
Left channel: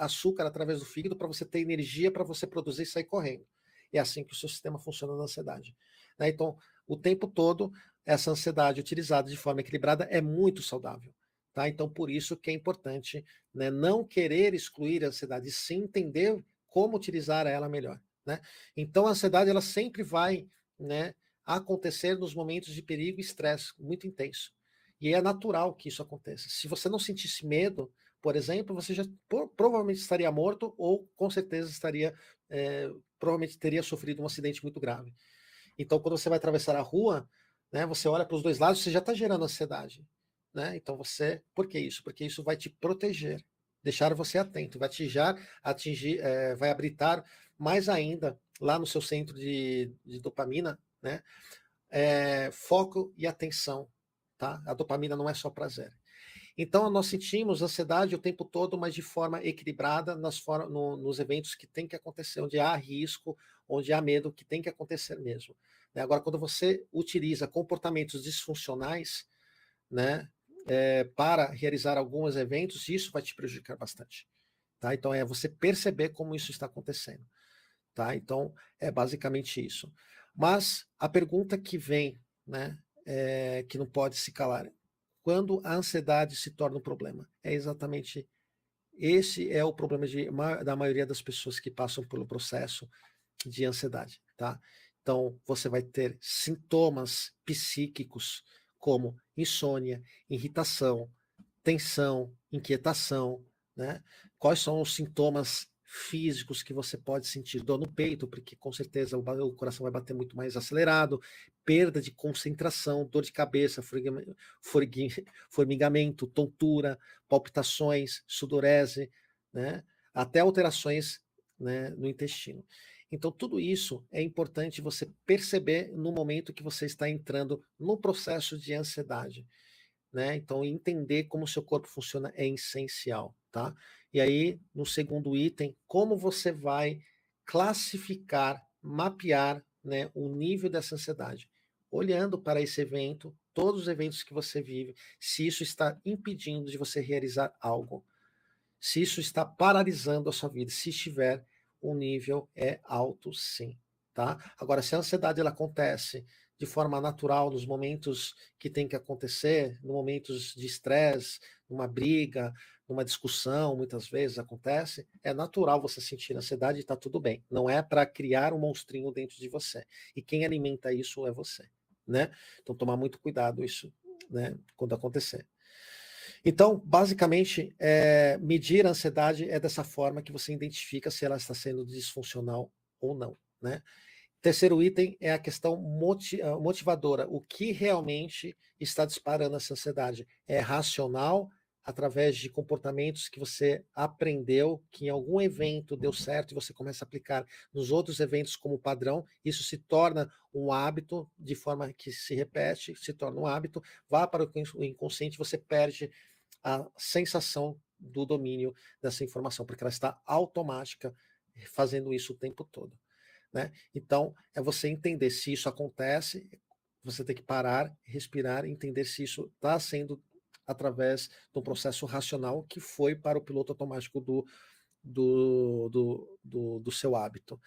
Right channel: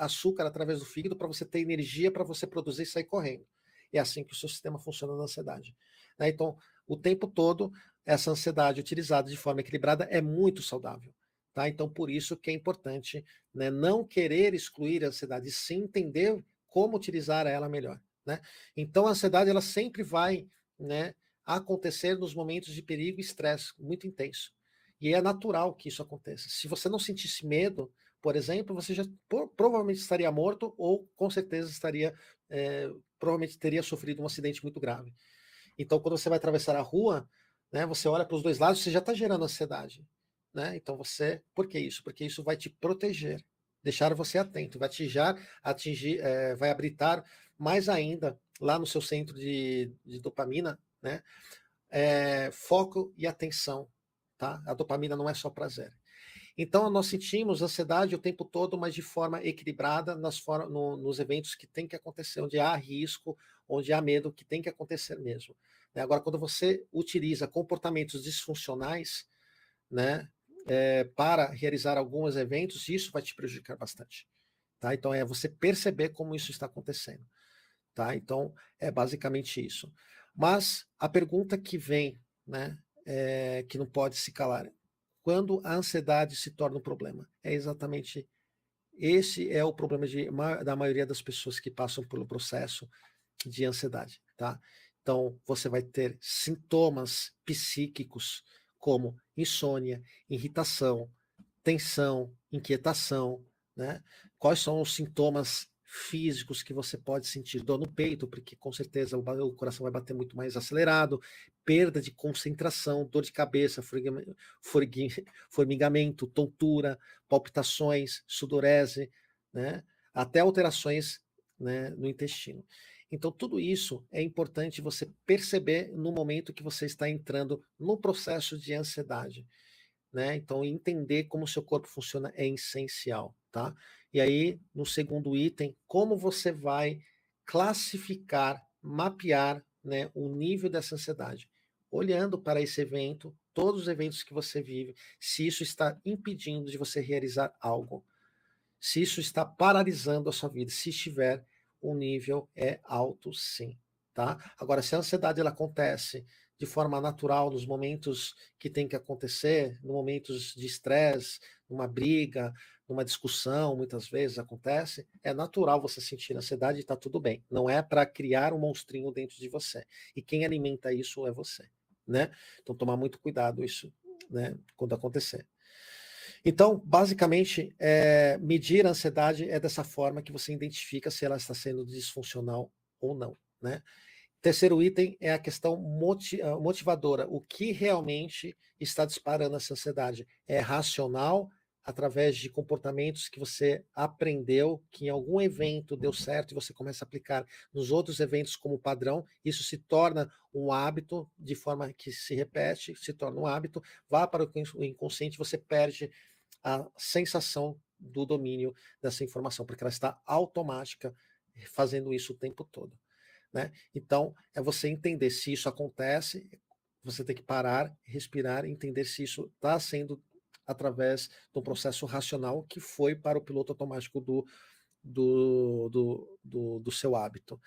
açúcar através do fígado para você ter energia para você produzir e sair correndo. É assim que o seu sistema funciona na ansiedade. Né? Então, o tempo todo, essa ansiedade utilizada de forma equilibrada é muito saudável. Tá? Então, por isso que é importante, né, não querer excluir a ansiedade, sim entender como utilizar ela melhor. Né? Então, a ansiedade ela sempre vai, né, acontecer nos momentos de perigo e estresse muito intenso. E é natural que isso aconteça. Se você não sentisse medo, por exemplo, você já provavelmente estaria morto ou com certeza estaria, provavelmente teria sofrido um acidente muito grave. Então, quando você vai atravessar a rua, né, você olha para os dois lados, você já está gerando ansiedade. Né? Então, por que isso? Porque isso vai te proteger, deixar você atento, vai atingir, vai habilitar mais ainda lá no seu centro de dopamina, né? Foco e atenção. Tá? A dopamina não é só prazer. Então, nós sentimos ansiedade o tempo todo, mas de forma equilibrada nos eventos que tem que acontecer, onde há risco, onde há medo, que tem que acontecer mesmo. Né? Agora, quando você utiliza comportamentos disfuncionais, né, para realizar alguns eventos, isso vai te prejudicar bastante. Tá? Então, é você perceber como isso está acontecendo. Tá? Então, é basicamente isso. Mas a pergunta que vem, né, que não pode se calar, quando a ansiedade se torna um problema? É exatamente esse é o problema da maioria das pessoas que passam pelo processo de ansiedade, tá? Então, você vai ter sintomas psíquicos como insônia, irritação, tensão, inquietação, né? Quais são os sintomas físicos que você pode sentir? Dor no peito, porque com certeza o coração vai bater muito mais acelerado, perda de concentração, dor de cabeça, formigamento, tontura, palpitações, sudorese, né? Até alterações, né, no intestino. Então, tudo isso é importante você perceber no momento que você está entrando no processo de ansiedade. Né? Então, entender como o seu corpo funciona é essencial. E aí, no segundo item, como você vai classificar, mapear, né, o nível dessa ansiedade. Olhando para esse evento, todos os eventos que você vive, se isso está impedindo de você realizar algo, se isso está paralisando a sua vida, se estiver, o nível é alto sim. Tá? Agora, se a ansiedade ela acontece de forma natural nos momentos que tem que acontecer, nos momentos de estresse, numa briga, numa discussão, muitas vezes acontece, é natural você sentir ansiedade e está tudo bem. Não é para criar um monstrinho dentro de você. E quem alimenta isso é você. Né? Então, tomar muito cuidado isso, né, quando acontecer. Então, basicamente, medir a ansiedade é dessa forma que você identifica se ela está sendo disfuncional ou não. Né? Terceiro item é a questão motivadora. O que realmente está disparando essa ansiedade? É racional, através de comportamentos que você aprendeu, que em algum evento deu certo e você começa a aplicar nos outros eventos como padrão, isso se torna um hábito, de forma que se repete, se torna um hábito, vá para o inconsciente, você perde a sensação do domínio dessa informação, porque ela está automática, fazendo isso o tempo todo. Né? Então, é você entender se isso acontece, você tem que parar, respirar, entender se isso está sendo através do processo racional que foi para o piloto automático do seu hábito.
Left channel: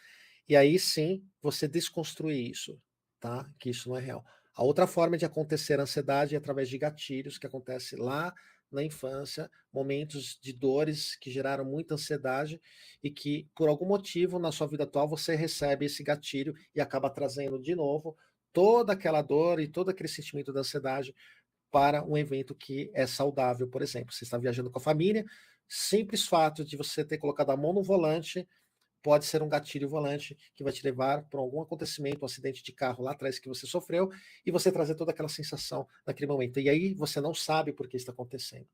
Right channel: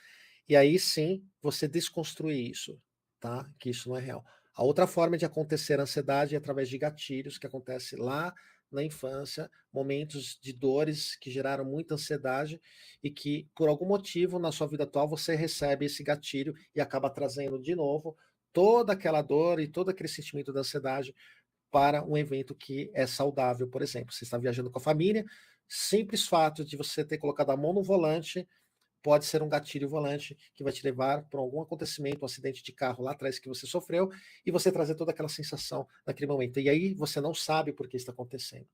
E aí sim, você desconstruir isso, tá? Que isso não é real. A outra forma de acontecer a ansiedade é através de gatilhos, que acontece lá na infância, momentos de dores que geraram muita ansiedade e que, por algum motivo, na sua vida atual, você recebe esse gatilho e acaba trazendo de novo toda aquela dor e todo aquele sentimento da ansiedade para um evento que é saudável, por exemplo. Você está viajando com a família, simples fato de você ter colocado a mão no volante pode ser um gatilho volante que vai te levar para algum acontecimento, um acidente de carro lá atrás que você sofreu, e você trazer toda aquela sensação naquele momento. E aí você não sabe por que está acontecendo.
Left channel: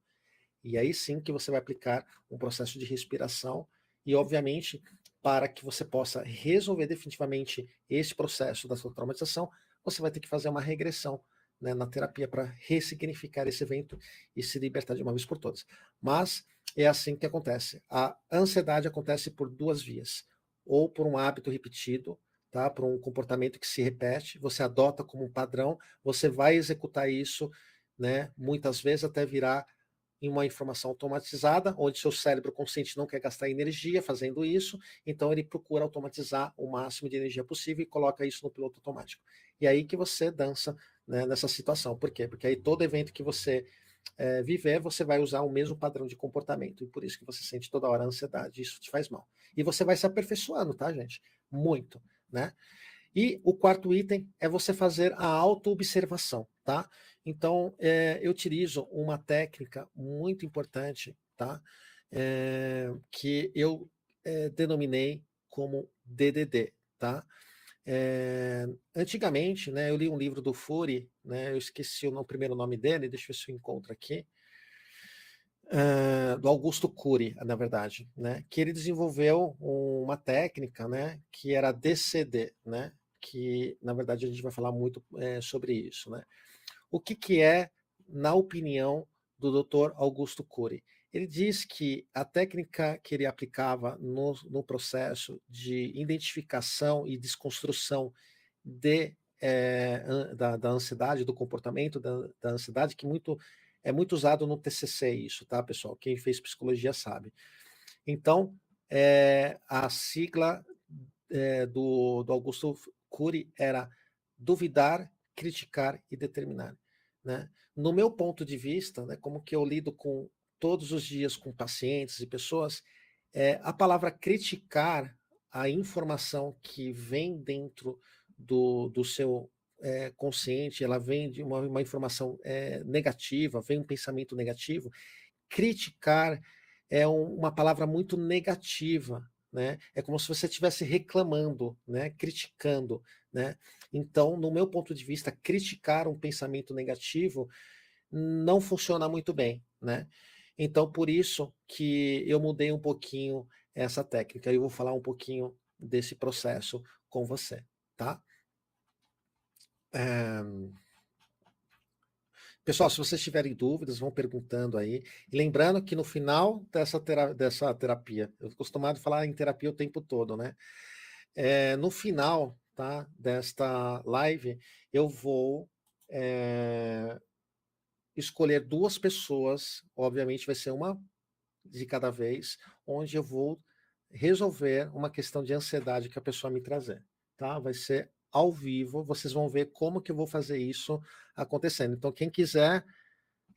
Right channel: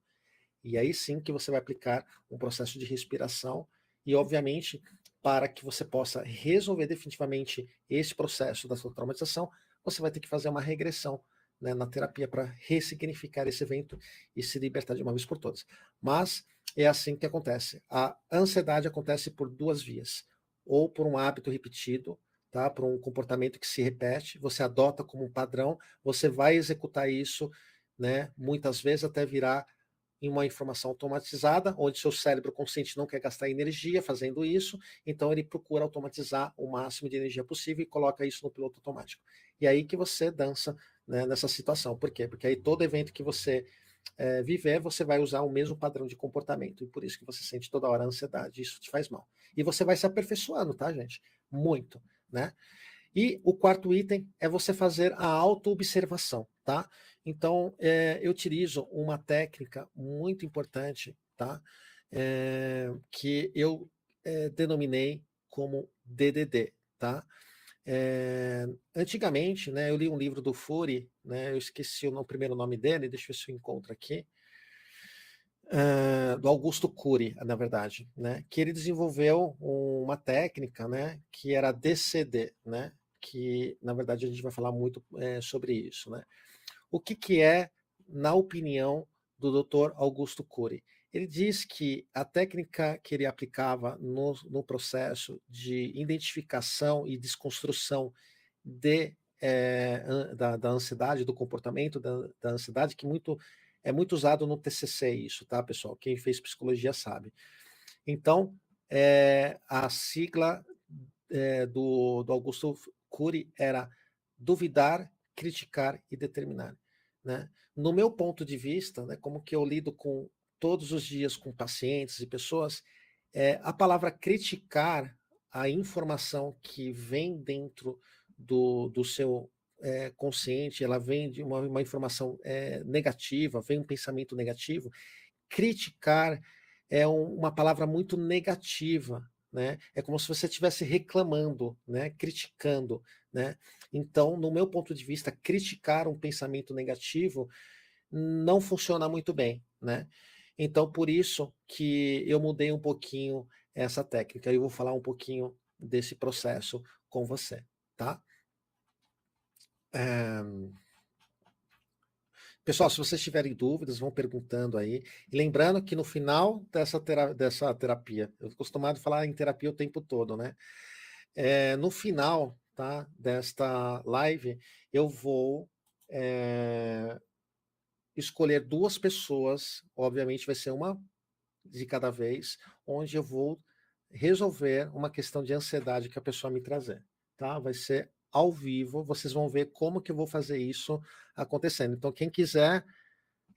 E aí sim que você vai aplicar um processo de respiração e, obviamente, para que você possa resolver definitivamente esse processo da sua traumatização, você vai ter que fazer uma regressão, né, na terapia para ressignificar esse evento e se libertar de uma vez por todas. Mas é assim que acontece. A ansiedade acontece por duas vias. Ou por um hábito repetido, tá? Por um comportamento que se repete, você adota como um padrão, você vai executar isso, né, muitas vezes até virar em uma informação automatizada, onde seu cérebro consciente não quer gastar energia fazendo isso, então ele procura automatizar o máximo de energia possível e coloca isso no piloto automático. E aí que você dança, né, nessa situação. Por quê? Porque aí todo evento que você viver, você vai usar o mesmo padrão de comportamento. E por isso que você sente toda hora ansiedade. Isso te faz mal. E você vai se aperfeiçoando, tá, gente? Muito, né? E o quarto item é você fazer a autoobservação, tá? Então, eu utilizo uma técnica muito importante, tá? Que eu denominei como DDD, tá? Antigamente, né, eu li um livro do Fury, né, eu esqueci o primeiro nome dele, deixa eu ver se eu encontro aqui, do Augusto Cury, na verdade, né, que ele desenvolveu uma técnica, né, que era DCD, né, que na verdade a gente vai falar muito sobre isso, né. O que, que é, na opinião do Dr. Augusto Cury? Ele diz que a técnica que ele aplicava no processo de identificação e desconstrução de, da ansiedade, do comportamento da ansiedade, que é muito usado no TCC isso, tá, pessoal? Quem fez psicologia sabe. Então, a sigla do Augusto Cury era duvidar, criticar e determinar. Né? No meu ponto de vista, né, como que eu lido com todos os dias com pacientes e pessoas, a palavra criticar a informação que vem dentro do seu consciente, ela vem de uma informação negativa, vem um pensamento negativo. Criticar é uma palavra muito negativa, né? É como se você estivesse reclamando, né? Criticando, né? Então, no meu ponto de vista, criticar um pensamento negativo não funciona muito bem, né? Então, por isso que eu mudei um pouquinho essa técnica. E eu vou falar um pouquinho desse processo com você, tá? Pessoal, se vocês tiverem dúvidas, vão perguntando aí. E lembrando que no final dessa terapia, eu tô acostumado a falar em terapia o tempo todo, né? No final, tá, desta live, eu vou escolher duas pessoas, obviamente vai ser uma de cada vez, onde eu vou resolver uma questão de ansiedade que a pessoa me trazer, tá? Vai ser ao vivo, vocês vão ver como que eu vou fazer isso acontecendo. Então, quem quiser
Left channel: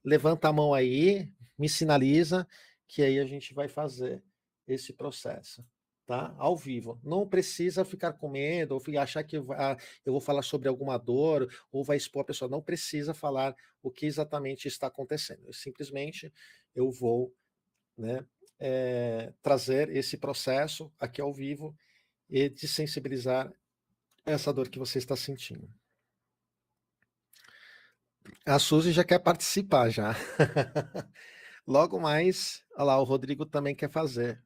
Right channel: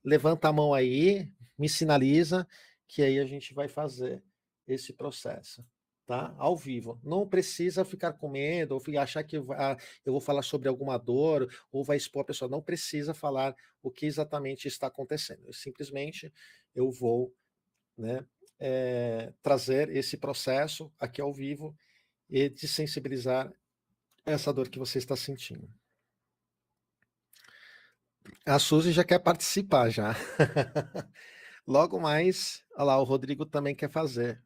levanta a mão aí, me sinaliza, que aí a gente vai fazer esse processo, tá? Ao vivo. Não precisa ficar com medo, ou achar que eu vou falar sobre alguma dor, ou vai expor a pessoa. Não precisa falar o que exatamente está acontecendo. Simplesmente eu vou, né, trazer esse processo aqui ao vivo e te sensibilizar essa dor que você está sentindo. A Suzy já quer participar já. Logo mais, olha lá, o Rodrigo também quer fazer.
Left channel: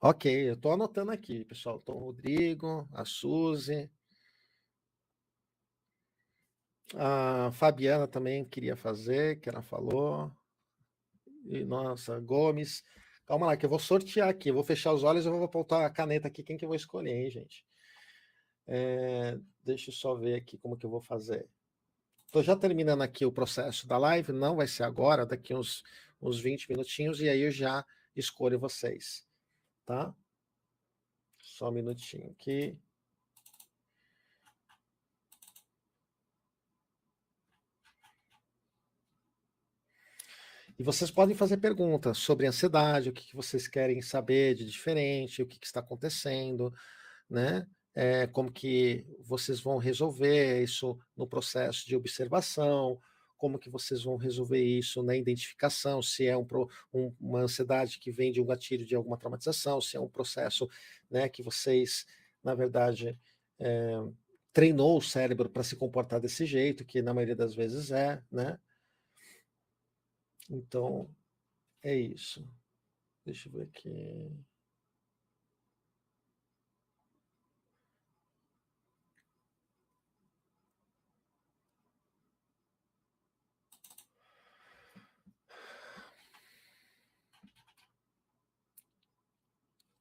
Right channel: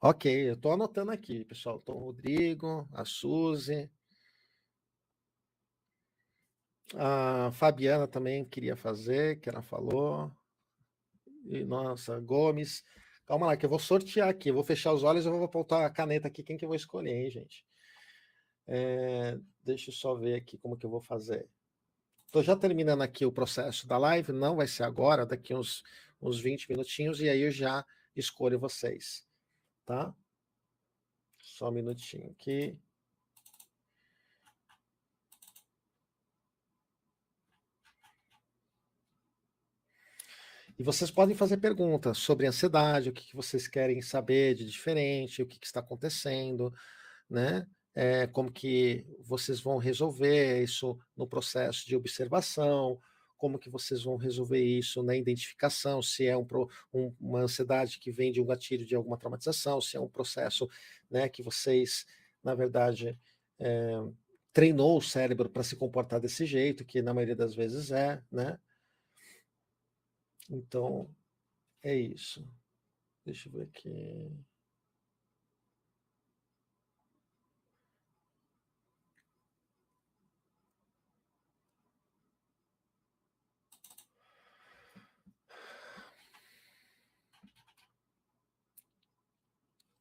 Ok, eu estou anotando aqui, pessoal. Então, o Rodrigo, a Suzy, a Fabiana também queria fazer, que ela falou. E, nossa, Gomes. Calma lá, que eu vou sortear aqui. Eu vou fechar os olhos e eu vou apontar a caneta aqui. Quem que eu vou escolher, hein, gente? Deixa eu só ver aqui como que eu vou fazer. Estou já terminando aqui o processo da live. Não vai ser agora, daqui uns 20 minutinhos. E aí eu já escolho vocês, tá? Só um minutinho aqui. E vocês podem fazer perguntas sobre ansiedade, o que vocês querem saber de diferente, o que está acontecendo, né? Como que vocês vão resolver isso no processo de observação, como que vocês vão resolver isso na identificação, se é uma ansiedade que vem de um gatilho de alguma traumatização, se é um processo, né, que vocês, na verdade, treinou o cérebro para se comportar desse jeito, que na maioria das vezes né? Então, é isso. Deixa eu ver aqui.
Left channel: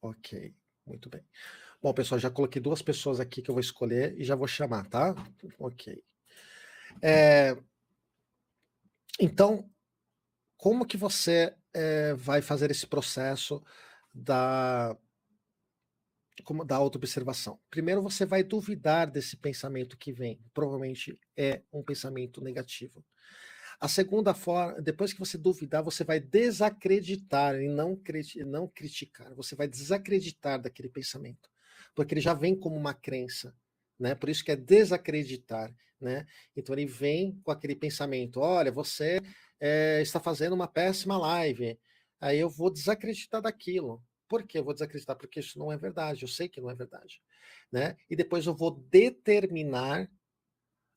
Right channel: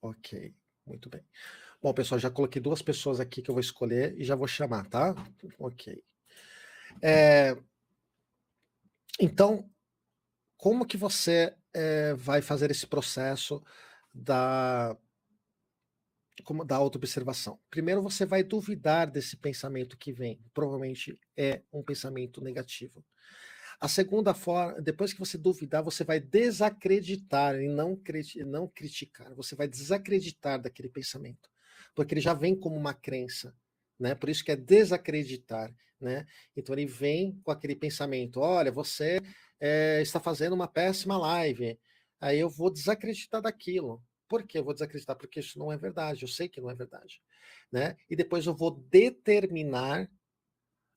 Ok, muito bem. Bom, pessoal, já coloquei duas pessoas aqui que eu vou escolher e já vou chamar, tá? Ok. Então, como que você vai fazer esse processo da, da autoobservação? Primeiro, você vai duvidar desse pensamento que vem. Provavelmente é um pensamento negativo. A segunda forma, depois que você duvidar, você vai desacreditar e não criticar. Você vai desacreditar daquele pensamento. Porque ele já vem como uma crença. né? Por isso que é desacreditar, né? Então ele vem com aquele pensamento: olha, você está fazendo uma péssima live. Aí eu vou desacreditar daquilo. Por que eu vou desacreditar? Porque isso não é verdade. Eu sei que não é verdade, né? E depois eu vou determinar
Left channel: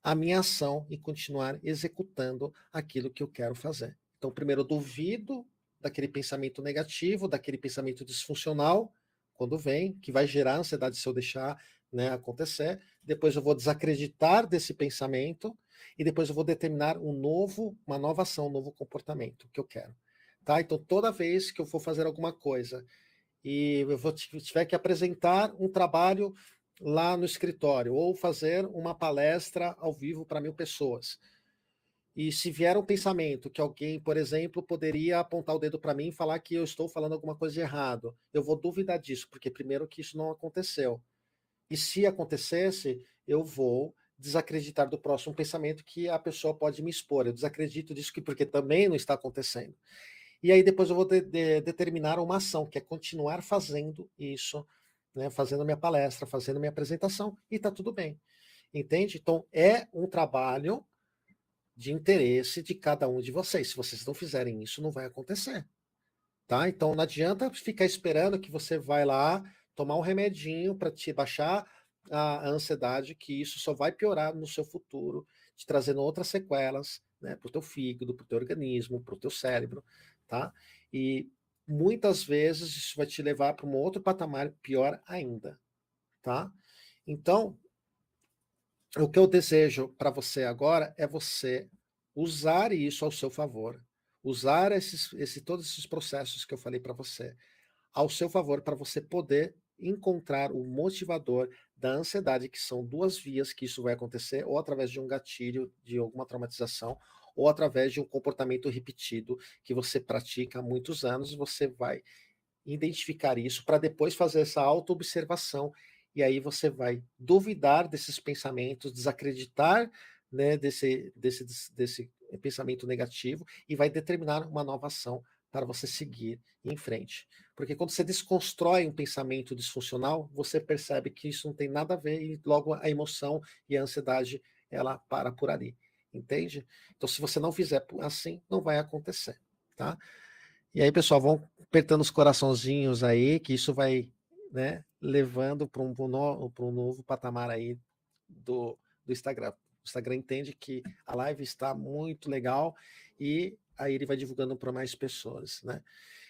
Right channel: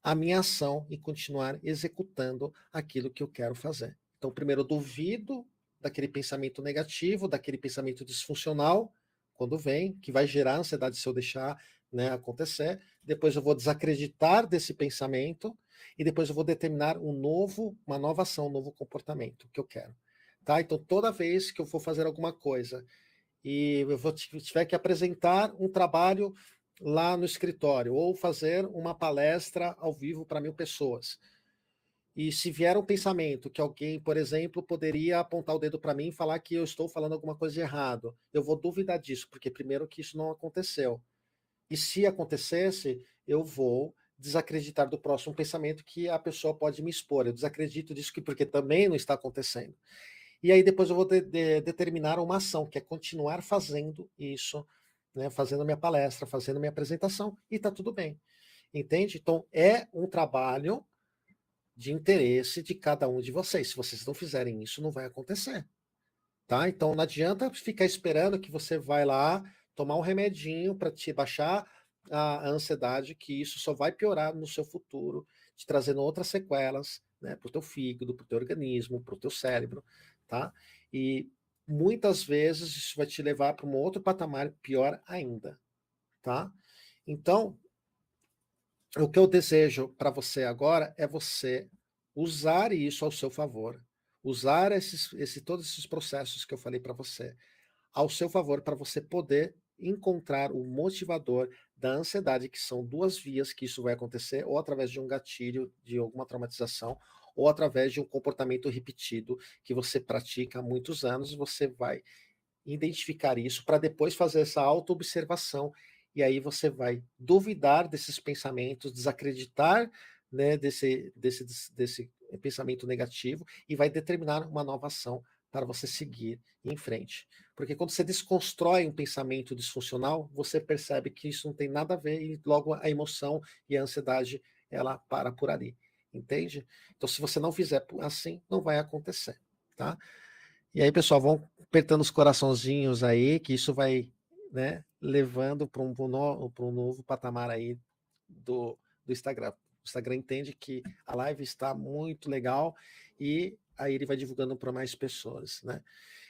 a minha ação e continuar executando aquilo que eu quero fazer. Então, primeiro eu duvido daquele pensamento negativo, daquele pensamento disfuncional, quando vem, que vai gerar ansiedade se eu deixar, né, acontecer. Depois eu vou desacreditar desse pensamento e depois eu vou determinar uma nova ação, um novo comportamento que eu quero. Tá? Então, toda vez que eu for fazer alguma coisa e eu tiver que apresentar um trabalho lá no escritório ou fazer uma palestra ao vivo para 1.000 pessoas. E se vier um pensamento que alguém, por exemplo, poderia apontar o dedo para mim e falar que eu estou falando alguma coisa de errado, eu vou duvidar disso, porque primeiro que isso não aconteceu. E se acontecesse, eu vou desacreditar do próximo pensamento que a pessoa pode me expor. Eu desacredito disso porque também não está acontecendo. E aí depois eu vou determinar uma ação, que é continuar fazendo isso, né, fazendo minha palestra, fazendo minha apresentação, e está tudo bem. Entende? Então é um trabalho de interesse de cada um de vocês. Se vocês não fizerem isso, não vai acontecer. Tá? Então não adianta ficar esperando que você vai lá tomar um remedinho para te baixar a ansiedade, que isso só vai piorar no seu futuro, te trazendo outras sequelas, né, para o teu fígado, para o teu organismo, para o teu cérebro, tá? E muitas vezes isso vai te levar para um outro patamar pior ainda, tá? Então, o que eu desejo para você agora é você usar isso ao seu favor, usar todos esses processos que eu falei para você ao seu favor para você poder encontrar o motivador da ansiedade, que são duas vias que isso vai acontecer, ou através de um gatilho, de alguma traumatização, ou através de um comportamento repetido que você pratica há muitos anos, e você vai identificar isso para depois fazer essa autoobservação. E aí você vai duvidar desses pensamentos, desacreditar, né, desse pensamento negativo e vai determinar uma nova ação para você seguir em frente. Porque quando você desconstrói um pensamento disfuncional, você percebe que isso não tem nada a ver e logo a emoção e a ansiedade ela para por ali. Entende? Então, se você não fizer assim, não vai acontecer. Tá? E aí, pessoal, vão apertando os coraçãozinhos aí, que isso vai, né, levando para um novo patamar aí do Instagram. O Instagram entende que a live está muito legal e aí ele vai divulgando para mais pessoas, né?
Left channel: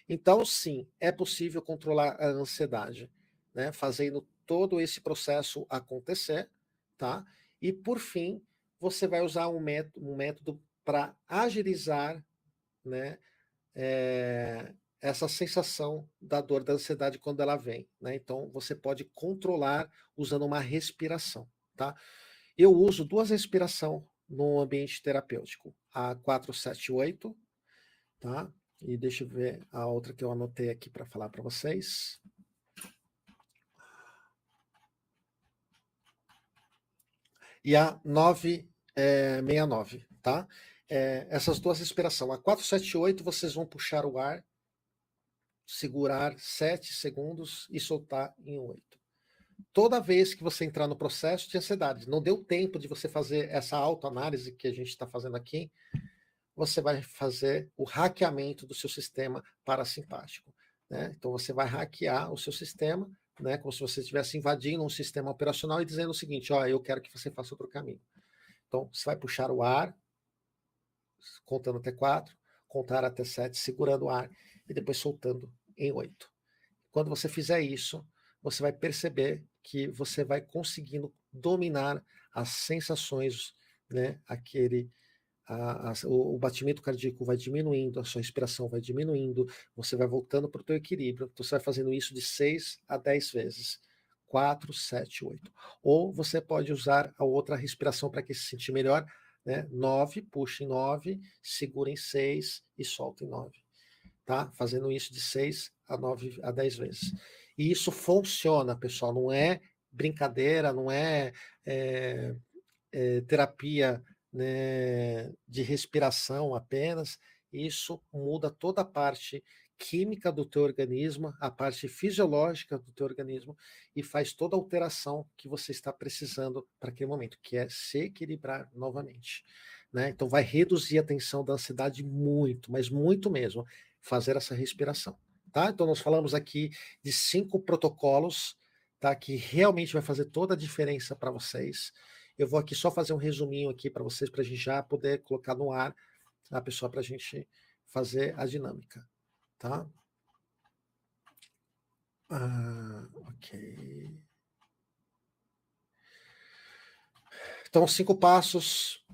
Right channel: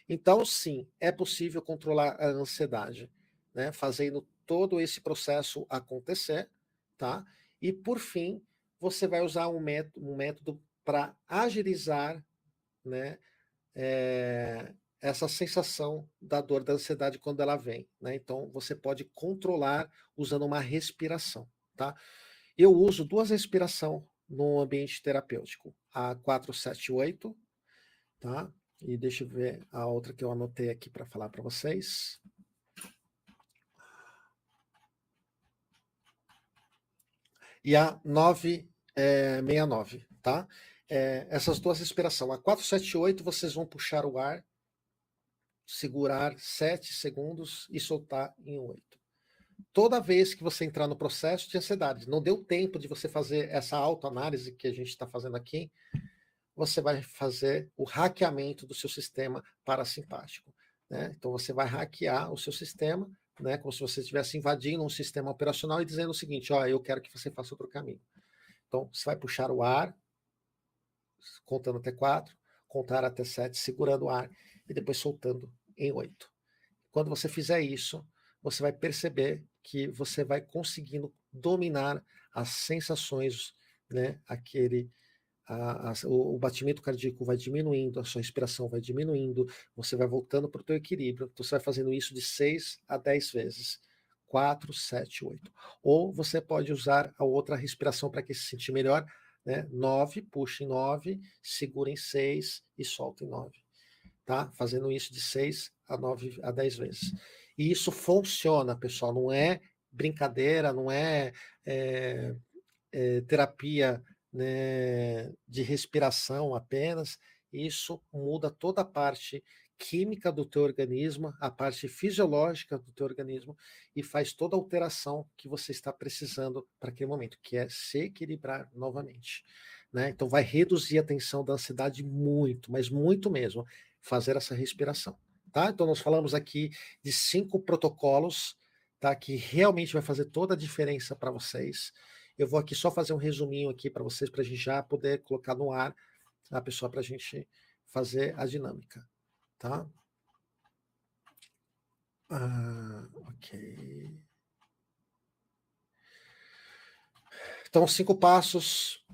Então, sim, é possível controlar a ansiedade, né, fazendo todo esse processo acontecer, tá? E por fim, você vai usar um método para agilizar, né, essa sensação da dor, da ansiedade quando ela vem, né? Então você pode controlar usando uma respiração, tá? Eu uso duas respirações no ambiente terapêutico, a 478, tá? E deixa eu ver a outra que eu anotei aqui para falar para vocês. E a 969, tá? Essas duas respirações. A 478 vocês vão puxar o ar, segurar 7 segundos e soltar em 8. Toda vez que você entrar no processo de ansiedade, não deu tempo de você fazer essa autoanálise que a gente está fazendo aqui, você vai fazer o hackeamento do seu sistema parasimpático. Né? Então você vai hackear o seu sistema, né? Como se você estivesse invadindo um sistema operacional e dizendo o seguinte: ó, eu quero que você faça outro caminho. Então você vai puxar o ar, contando até 4, contar até 7, segurando o ar e depois soltando em 8. Quando você fizer isso, você vai perceber que você vai conseguindo dominar as sensações, né? O batimento cardíaco vai diminuindo, a sua respiração vai diminuindo, você vai voltando para o teu equilíbrio. Você vai fazendo isso de 6 a 10 vezes. 4, 7, 8. Ou você pode usar a outra respiração para que se sentir melhor. Né? 9, puxa em 9, segura em 6 e solta em 9. Tá? Fazendo isso de 6 a 9 a 10 vezes. E isso funciona, pessoal, não é brincadeira, não é terapia, né, de respiração apenas. isso muda toda a parte química do teu organismo, a parte fisiológica do teu organismo e faz toda a alteração que você está precisando para aquele momento, que é se equilibrar novamente. Né? Então vai reduzir a tensão da ansiedade muito, mas muito mesmo, fazer essa respiração. Então nós falamos aqui de 5 protocolos, tá, que realmente vai fazer toda a diferença para vocês. Eu vou aqui só fazer um resuminho aqui para vocês, para a gente já poder colocar no ar, tá, pessoal, para a gente fazer a dinâmica, tá? Ok. Então, 5 passos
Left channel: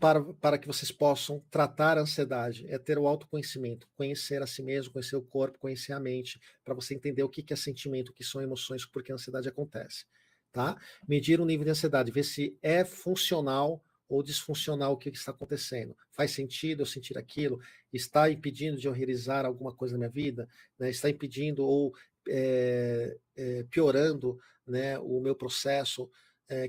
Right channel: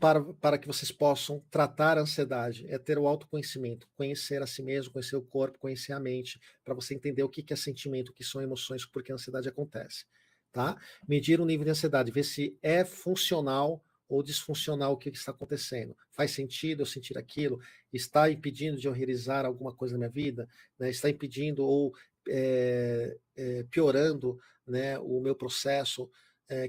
para que vocês possam tratar a ansiedade é ter o autoconhecimento, conhecer a si mesmo, conhecer o corpo, conhecer a mente, para você entender o que é sentimento, o que são emoções, porque a ansiedade acontece. Tá? Medir o nível de ansiedade, ver se é funcional ou disfuncional o que está acontecendo. Faz sentido eu sentir aquilo? Está impedindo de eu realizar alguma coisa na minha vida? Né? Está impedindo ou piorando, né, o meu processo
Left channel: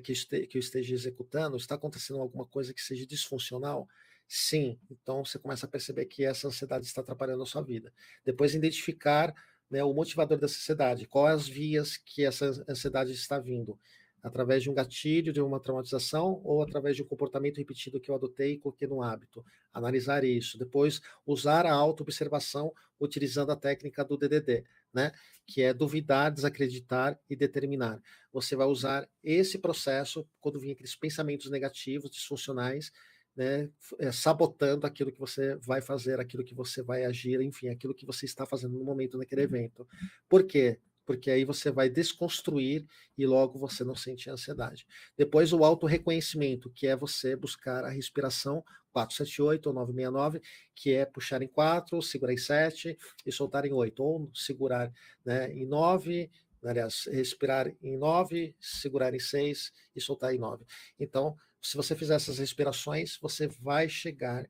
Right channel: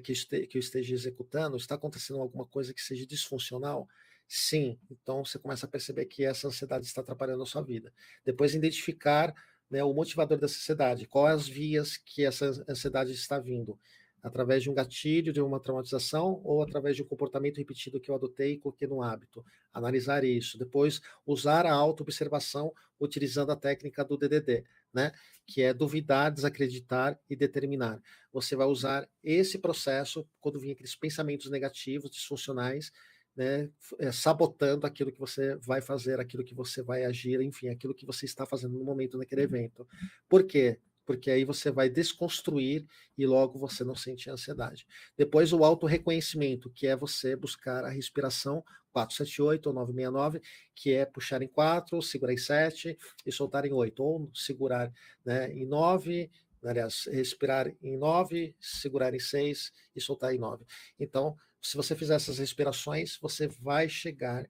que eu esteja executando? Está acontecendo alguma coisa que seja disfuncional? Sim. Então você começa a perceber que essa ansiedade está atrapalhando a sua vida. Depois identificar, né, o motivador dessa ansiedade. Quais as vias que essa ansiedade está vindo? Através de um gatilho, de uma traumatização ou através de um comportamento repetido que eu adotei e coloquei no hábito. Analisar isso. Depois, usar a auto-observação utilizando a técnica do DDD, né? Que é duvidar, desacreditar e determinar. Você vai usar esse processo quando vir aqueles pensamentos negativos, disfuncionais, né, sabotando aquilo que você vai fazer, aquilo que você vai agir, enfim, aquilo que você está fazendo no momento daquele evento. Por quê? Porque aí você vai desconstruir e logo você não sente ansiedade. Depois o auto-reconhecimento, que é você buscar a respiração 478 ou 969, que é puxar em 4, segurar em 7 e soltar em 8, ou segurar, né, em 9, aliás, respirar em 9, segurar em 6 e soltar em 9. Então, se você fizer essas respirações, você vai chegar,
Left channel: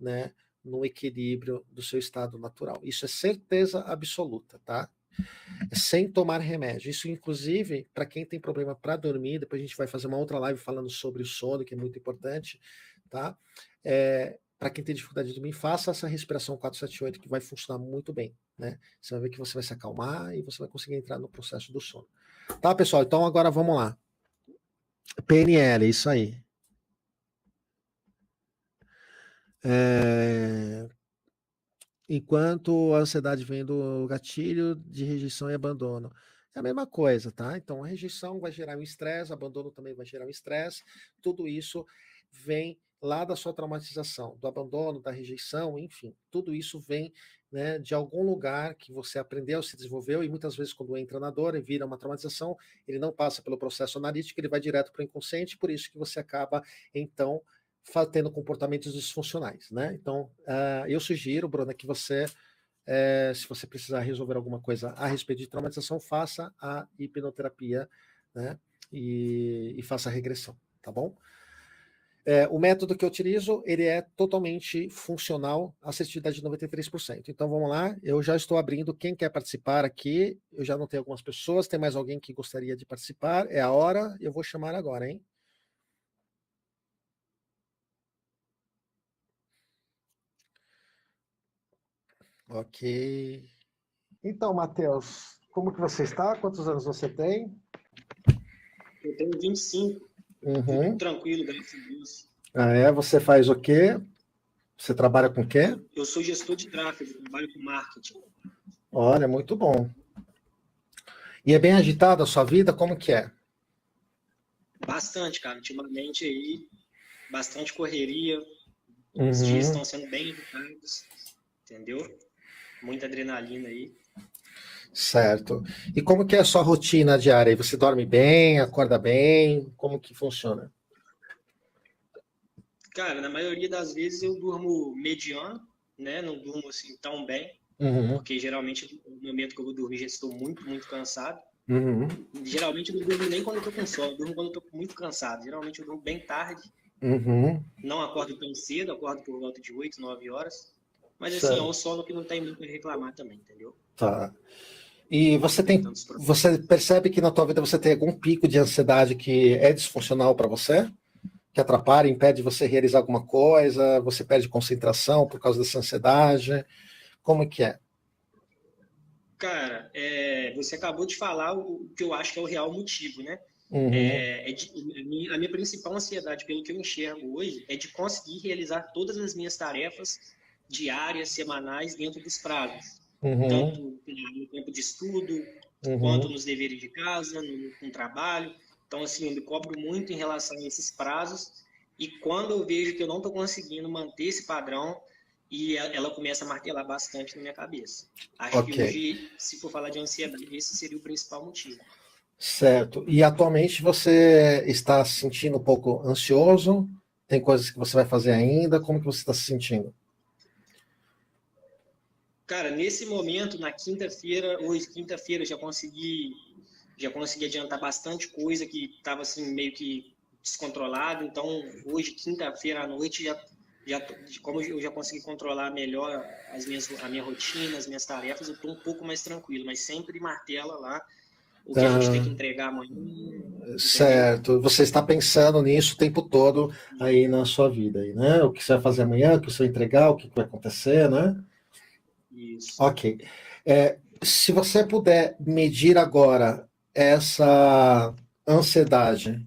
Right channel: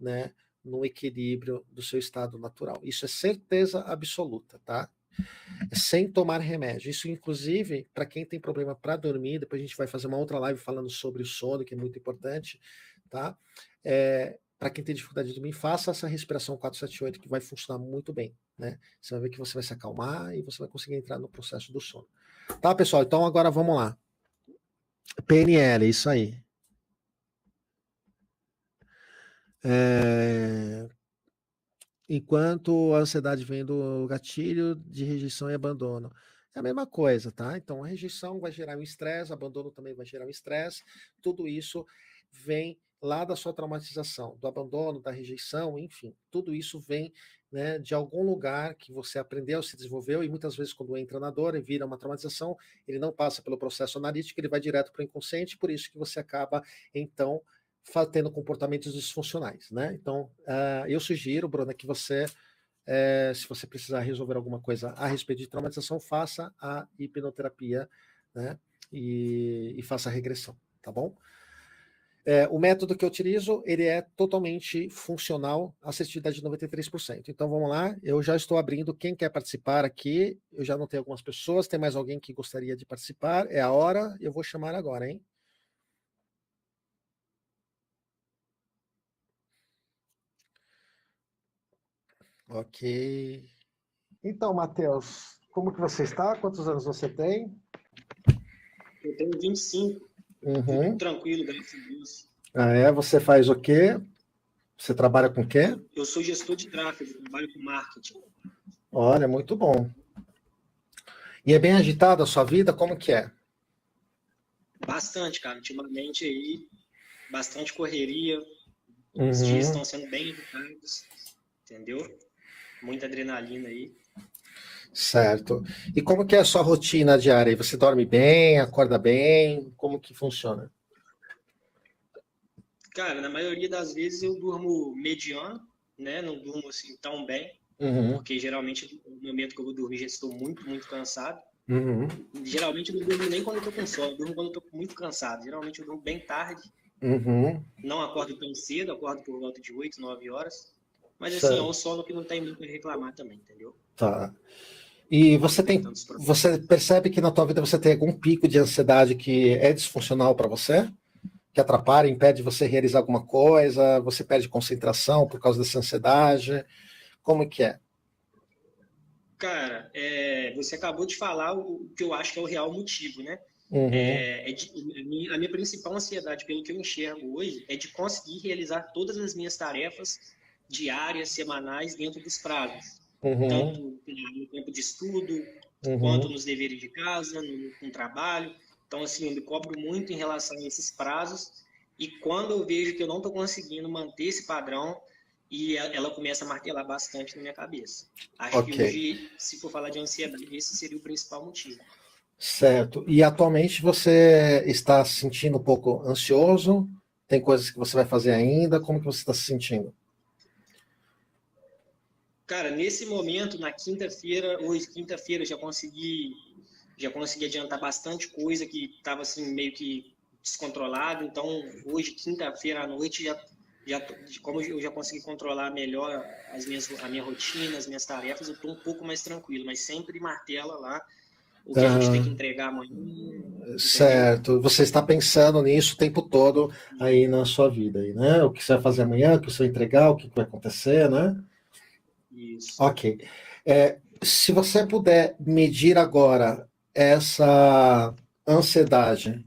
né, no equilíbrio do seu estado natural. Isso é certeza absoluta, tá? Sem tomar remédio. Isso, inclusive, para quem tem problema para dormir, depois a gente vai fazer uma outra live falando sobre o sono, que é muito importante, tá? Para quem tem dificuldade de dormir, faça essa respiração 478, que vai funcionar muito bem, né? Só que você vai se acalmar e você vai conseguir entrar no processo do sono. Tá, pessoal? Então agora vamos lá. PNL, isso aí. É... Enquanto a ansiedade vem do gatilho de rejeição e abandono. É a mesma coisa, tá? Então, a rejeição vai gerar um estresse, abandono também vai gerar um estresse. Tudo isso vem lá da sua traumatização, do abandono, da rejeição, enfim. Tudo isso vem, né, de algum lugar que você aprendeu, se desenvolveu, e muitas vezes quando entra na dor e vira uma traumatização, ele não passa pelo processo analítico, ele vai direto para o inconsciente, por isso que você acaba, então, vai tendo comportamentos disfuncionais, né? Então, eu sugiro, Bruna, que você, se você precisar resolver alguma coisa a respeito de traumatização, faça a hipnoterapia, né? E faça a regressão, tá bom? O método que eu utilizo, ele é totalmente funcional, assertividade de 93%. Então vamos lá, eu já estou abrindo quem quer participar aqui, eu já anotei algumas pessoas, tem mais alguém que gostaria de participar, é a hora, eu vou chamar agora, hein? Ok. Então, Matheus, como que você está? Quantos anos você tem? Eu tenho 25. Tudo tranquilo, graças a Deus. Ah, é? Você faz o quê? Você trabalha com o quê? Eu sou gestor de tráfego, trabalho com marketing. Olha, muito bom. E é bem agitada a sua vida? Como que é? Bastante, cara. Ultimamente aí, bastante correria. Os dias estão sendo bem agitados, entendeu? Muita adrenalina aí. Certo. E como que é a sua rotina diária? Você dorme bem, acorda bem? Como que funciona? Cara, na maioria das vezes eu durmo mediano, né? Não durmo assim tão bem, porque geralmente no momento que eu vou dormir já estou muito, muito cansado. Geralmente eu não durmo nem quando eu tô com sono, eu durmo quando eu tô muito cansado. Geralmente eu durmo bem tarde. Não acordo tão cedo, acordo por volta de 8, 9 horas. Mas assim, é um sono que não tem muito a reclamar também, entendeu? Tá. E você percebe que na tua vida você tem algum pico de ansiedade que é disfuncional para você? te atrapalha, impede você realizar alguma coisa? Você perde concentração por causa dessa ansiedade? Como é que é? Cara, você acabou de falar o que eu acho que é o real motivo, né? Uhum. A minha principal ansiedade, pelo que eu enxergo hoje, é de conseguir realizar todas as minhas tarefas diárias, semanais, dentro dos prazos. Uhum. Tanto no tempo de estudo, quanto Uhum. nos deveres de casa, no trabalho. Então, assim, eu me cobro muito em relação a esses prazos. E quando eu vejo que eu não estou conseguindo manter esse padrão, ela começa a martelar bastante na minha cabeça. Acho que Ok. hoje, se for falar de ansiedade, esse seria o principal motivo. Certo. E atualmente você está se sentindo um pouco ansioso? Tem coisas que você vai fazer ainda? Como que você está se sentindo? Cara, nesse momento, na quinta-feira, hoje, quinta-feira, já consegui adiantar bastante coisa que estava assim meio que descontrolado. Então, hoje, quinta-feira à noite, como eu já consegui controlar melhor a minha rotina, as minhas tarefas, eu estou um pouco mais tranquilo, mas sempre martela lá o que a gente tem que Ah, entregar amanhã, entendeu? certo. Você está pensando nisso o tempo todo aí na sua vida, aí, né? O que você vai fazer amanhã, o que você vai entregar, o que vai acontecer, né? Isso. Ok. Se você puder medir agora essa ansiedade,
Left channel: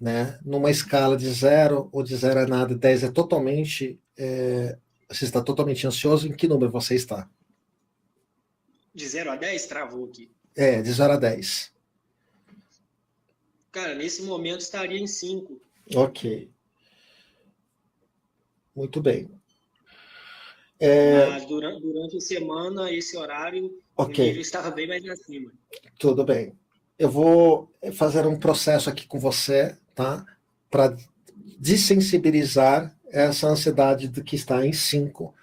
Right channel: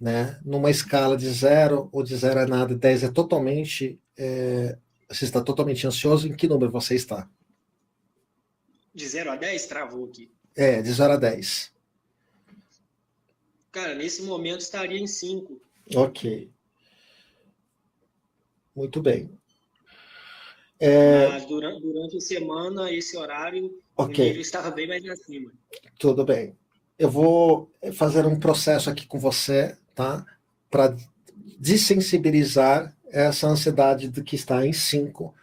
né, numa escala de 0 ou de 0 a nada, 10 é totalmente, você está totalmente ansioso, em que número você está? De 0 a 10 travou aqui. De 0 a 10. Cara, nesse momento estaria em 5, Ok, muito bem. mas durante a semana, esse horário, o Ok, nível estava bem mais acima. tudo bem. Eu vou fazer um processo aqui com você, tá? Para desensibilizar essa ansiedade do que está em 5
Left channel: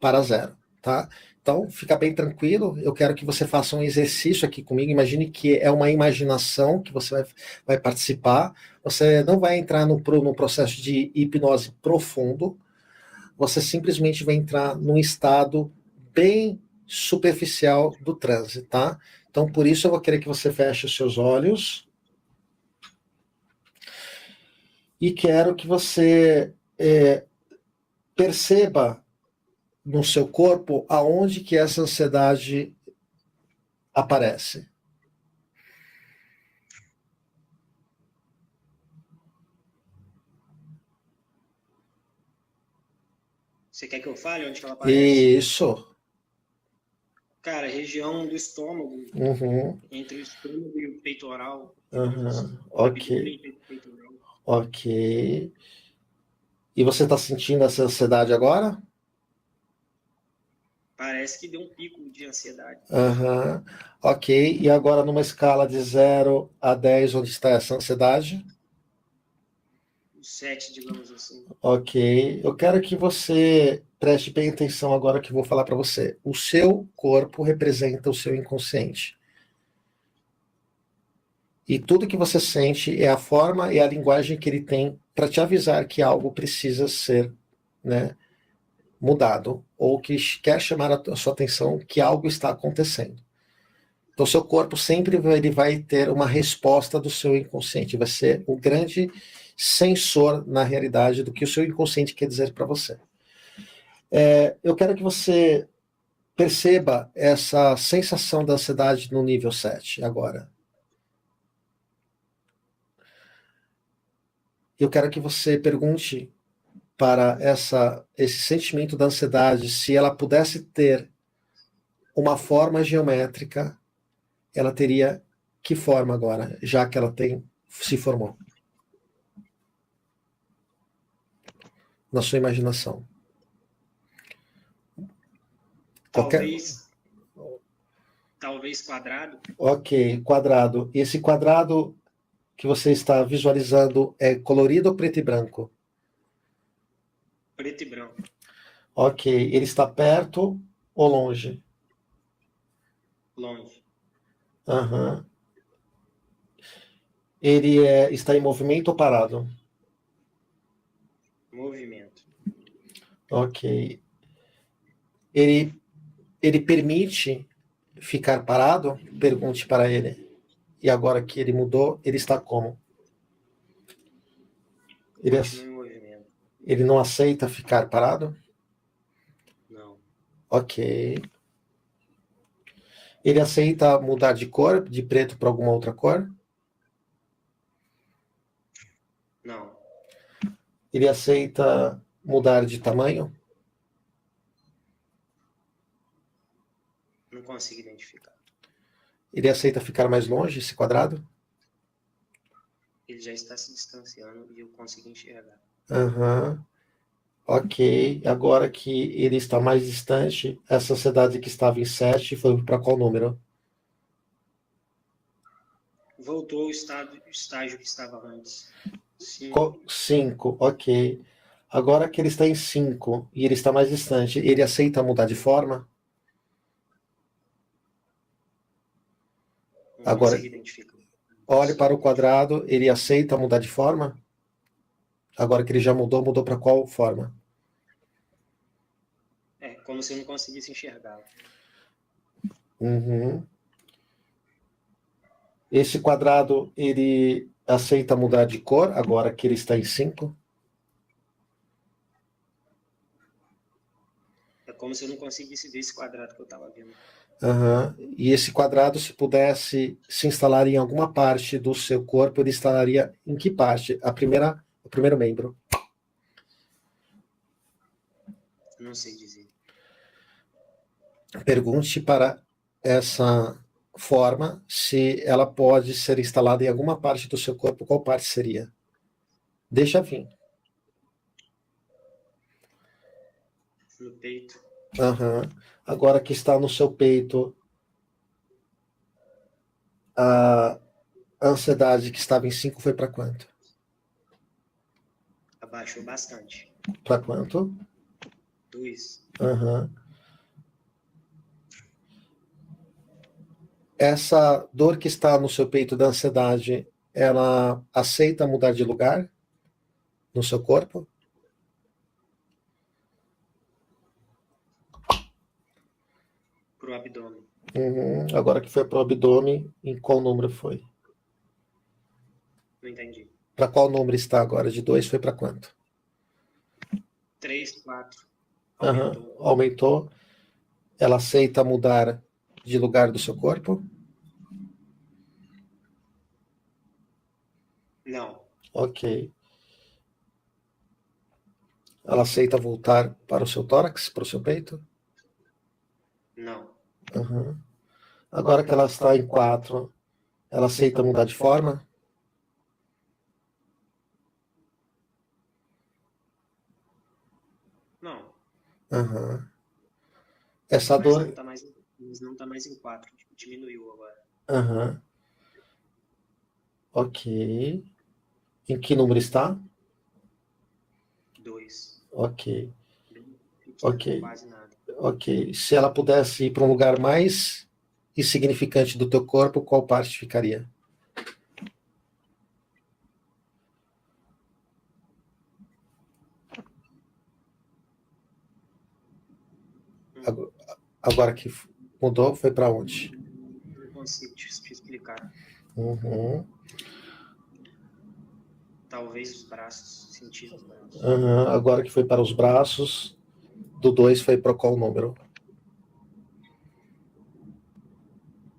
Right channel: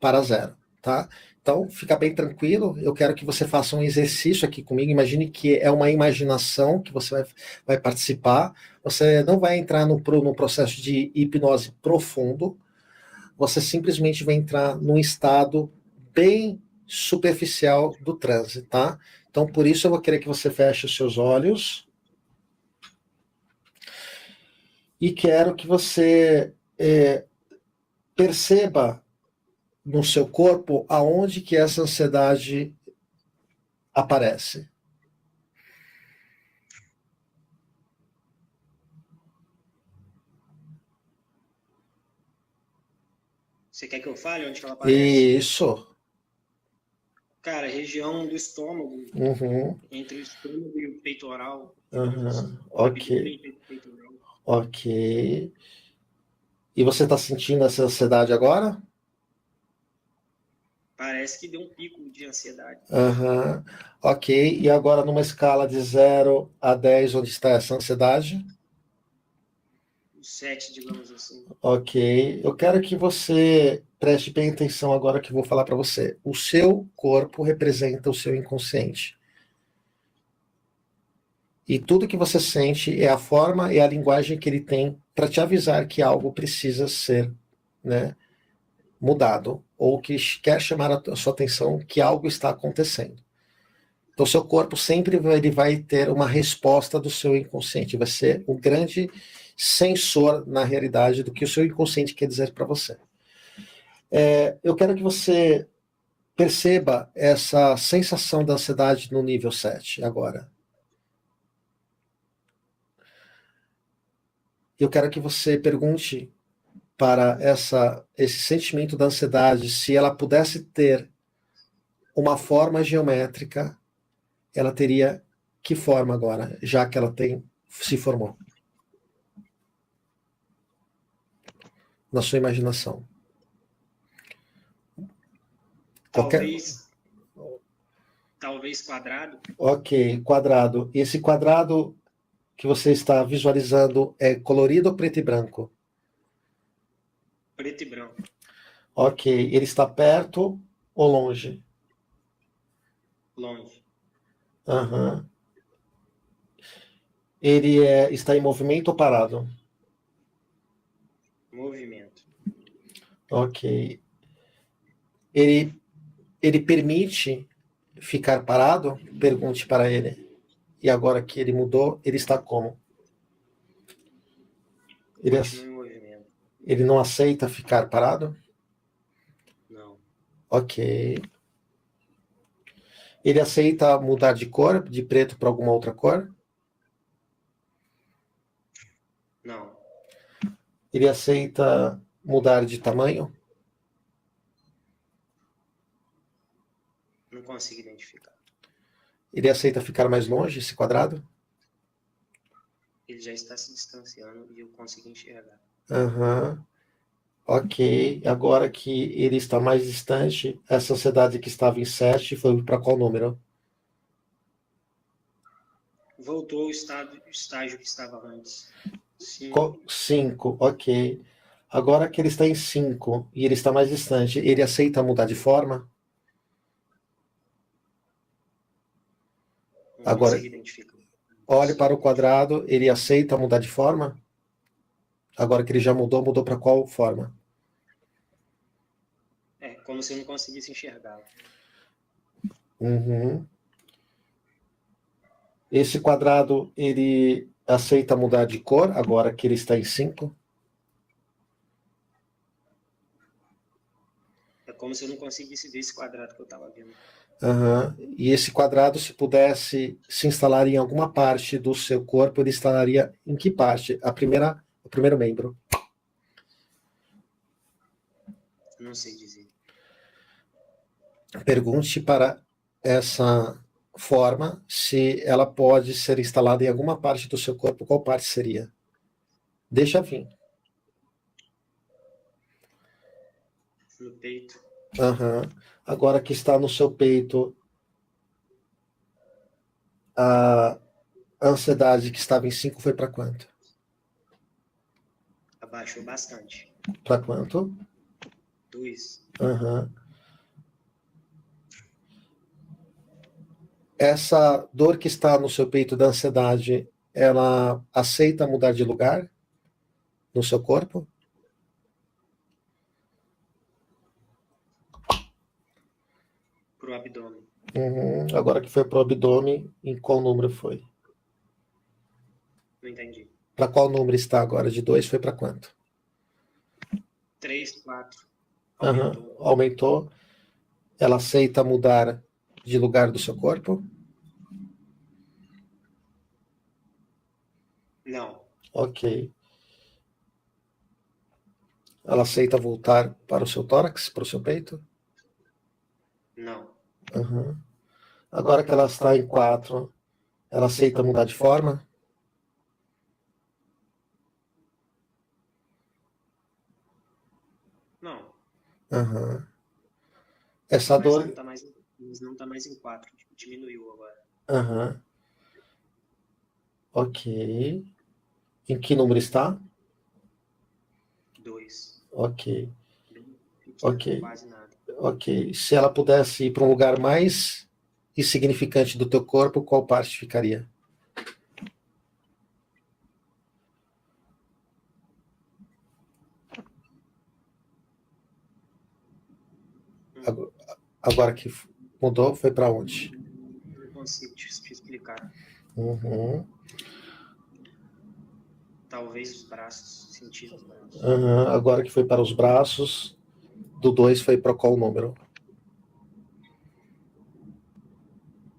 para 0, tá? Então, fica bem tranquilo. Eu quero que você faça um exercício aqui comigo. Imagine que é uma imaginação que você vai participar. Você não vai entrar no processo de hipnose profundo. Você simplesmente vai entrar num estado bem superficial do transe, tá? Então, por isso eu vou querer que você feche os seus olhos e quero que você perceba no seu corpo aonde que essa ansiedade aparece. Você quer que eu fale onde que ela aparece? Isso. Cara, região do estômago, Uhum. entre o estômago e o peitoral, digamos. Uhum. O Ok. abdômen e o peitoral. Ok. E você está sentindo essa ansiedade agora? Parece que deu um pico de ansiedade. Uhum. Ok. E agora numa escala de 0 a 10, onde está essa ansiedade? O 7, digamos assim. Ok. Eu quero que você preste bem atenção agora que eu vou falar para você. O seu corpo representa o seu inconsciente. E tudo que você sente é a forma e a linguagem que ele tem para te avisar que algo precisa ser, né, mudado ou que quer chamar a sua atenção que algo está acontecendo. Então, o seu corpo sempre ele vai ter uma resposta do seu inconsciente. Vai ser o grande sensor, na realidade, do que o seu inconsciente quer dizer para você. Eu quero que você perceba essa sensação da ansiedade no nível 7 agora. Eu quero que você pergunte para esse sentimento da ansiedade se ela pudesse ter uma forma geométrica, ela teria que forma agora, já que ela se formou na sua imaginação. Qualquer. Talvez quadrado. Ok, quadrado. Esse quadrado que você está visualizando é colorido ou preto e branco? Preto e branco. Ok, ele está perto ou longe? Longe. Aham. Ele está em movimento ou parado? Movimento. Ok. Ele, ele permite ficar parado? Pergunte para ele. E agora que ele mudou, ele está como? Continua em movimento. Ele não aceita ficar parado? Não. Ok. Ele aceita mudar de cor, de preto para alguma outra cor? Não. Ele aceita mudar de tamanho? Não consigo identificar. Ele aceita ficar mais longe, esse quadrado? Ele já está se distanciando e eu consigo enxergar. Aham. Ok. Agora que ele está mais distante, a sociedade que estava em 7 foi para qual número? Voltou ao estágio que estava antes. 5. 5, ok. Agora que ele está em 5 e ele está mais distante, ele aceita mudar de forma? Não Agora, consigo identificar. olhe para o quadrado, ele aceita mudar de forma? Agora que ele já mudou, mudou para qual forma? É como se eu não conseguisse enxergar. Uhum. Esse quadrado, ele aceita mudar de cor, agora que ele está em 5? É como se eu não conseguisse ver esse quadrado que eu estava vendo. Uhum. E esse quadrado, se pudesse se instalar em alguma parte do seu corpo, ele instalaria em que parte? O primeiro membro. Não sei dizer. Pergunte para essa forma se ela pode ser instalada em alguma parte do seu corpo, qual parte seria? Deixa vir. No peito. Uhum. Agora que está no seu peito, a ansiedade que estava em 5 foi para quanto? Abaixou bastante. Para quanto? 2. Uhum. Essa dor que está no seu peito da ansiedade, ela aceita mudar de lugar no seu corpo? Pro abdômen. Uhum. Agora que foi para o abdômen, em qual número foi? Não entendi. Para qual número está agora? De 2 foi para quanto? 3, 4. Uhum. Aumentou. Aumentou. Ela aceita mudar de lugar do seu corpo? Não. Ok. Ela aceita voltar para o seu tórax, para o seu peito? Não. Uhum. Agora que ela está em 4, ela aceita mudar de forma? Não. Uhum. Essa Mas dor. não tá mais em 4. Diminuiu agora. Uhum. Ok. Em que número está? 2. Ok. Bem pequeno, Ok. quase nada. Ok. Se ela pudesse ir para um lugar mais insignificante do teu corpo, qual parte ficaria? Agora agora que mudou, foi para onde? Não consigo te explicar. Uhum. Talvez os braços. Sentir os braços. Uhum. Agora que foi para os braços, do 2 foi para qual número?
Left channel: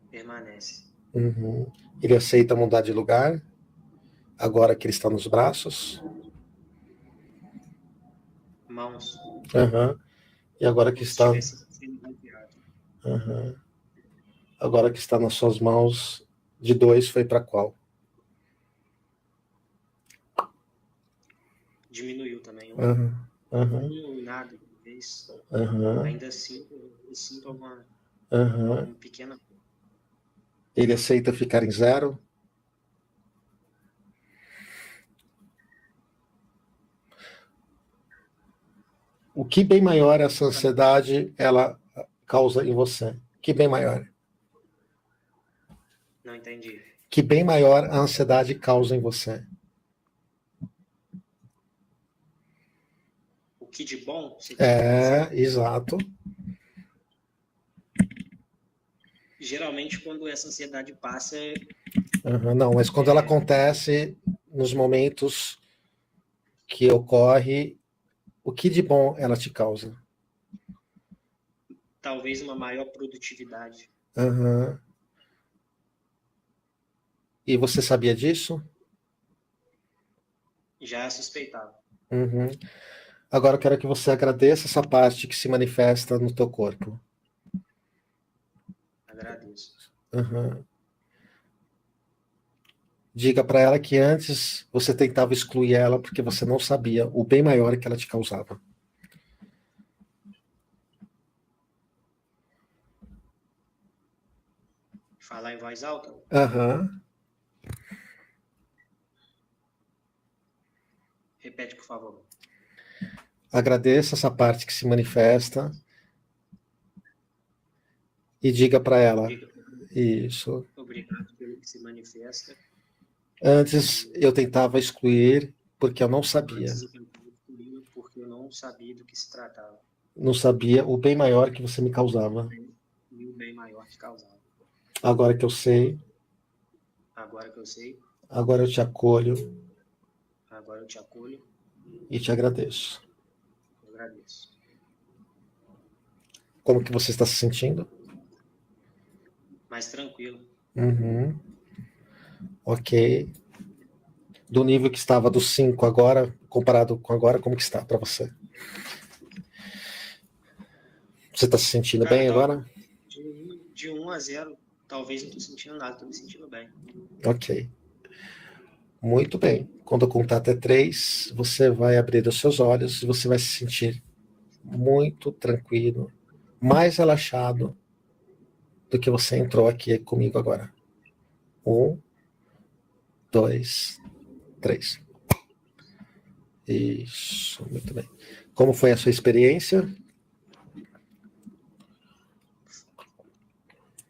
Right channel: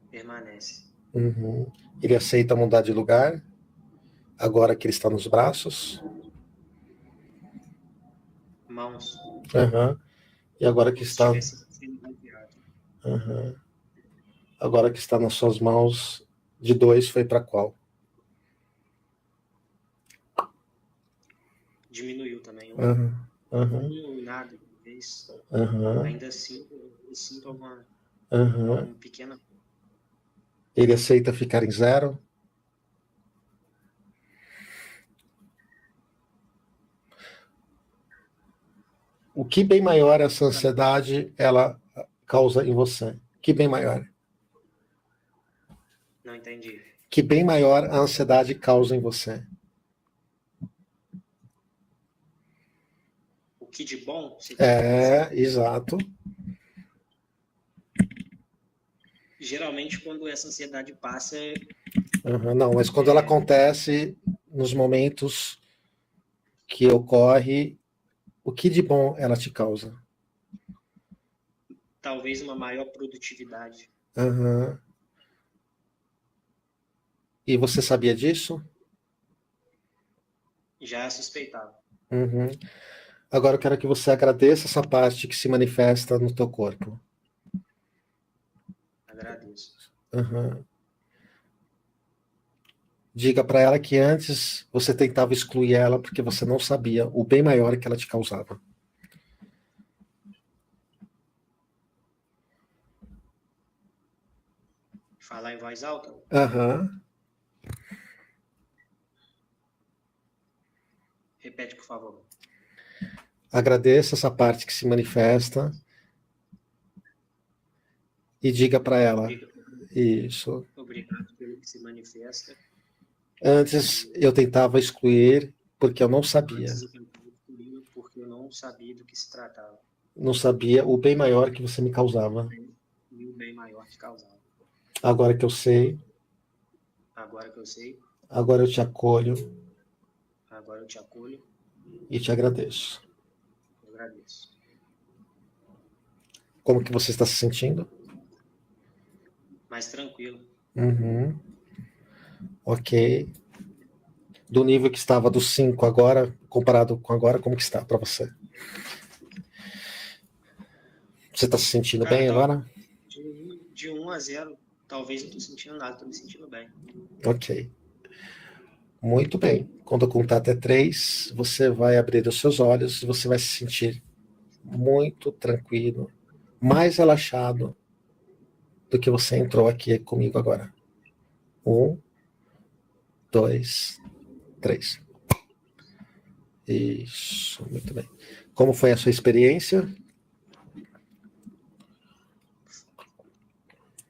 Permanece. Uhum. Ele aceita mudar de lugar, agora que ele está nos braços. Mãos. Uhum. E agora que Como se está. estivesse sendo bloqueado. Uhum. Agora que está nas suas mãos, de 2 foi para qual? Diminuiu também. Uhum. Uhum. Nada, talvez. Uhum. Ainda assim, eu sinto Uhum. alguma pequena. Ele aceita ficar em 0? O que bem maior essa ansiedade ela causa em você? Que bem maior? Não entendi. Que bem maior a ansiedade causa em você? O que de bom você quer É, dizer? exato. Geralmente, quando essa ansiedade passa, Uhum. Não, mas quando ela acontece nos momentos que ocorre, o que de bom ela te causa? Talvez uma maior produtividade. Uhum. E você sabia disso? Já suspeitava. Uhum. Agora eu quero que você agradeça essa parte que se manifesta no teu corpo. Agradeço. Uhum. Diga para ela que antes você tentava excluir ela porque você não sabia o bem maior que ela te causava. Falar em voz alta? Uhum. Repete, por favor. Agradeça essa parte que se manifesta e diga para ela. Isso. Obrigado pelo que se manifesta. Antes eu tentava excluir porque eu não sabia. Antes eu tentava excluir porque eu não sabia do que se tratava. Não sabia o bem maior que você me causava. E o bem maior que causava. Agora que eu sei. Agora que eu sei. Agora eu te acolho. Agora eu te acolho. E te agradeço. Eu agradeço. Como que você está se sentindo? Mais tranquilo. Uhum. Ok. Do nível que estava do 5 agora, comparado com agora, como que está para você? Você está se sentindo bem agora? De 1 a 0, talvez não estou sentindo nada, estou me sentindo bem. Ok. Muito bem. Quando eu contar até 3, você vai abrir os seus olhos e você vai se sentir muito tranquilo, mais relaxado do que você entrou aqui comigo agora. 1, 2, 3. Isso, muito bem. Como foi a sua experiência?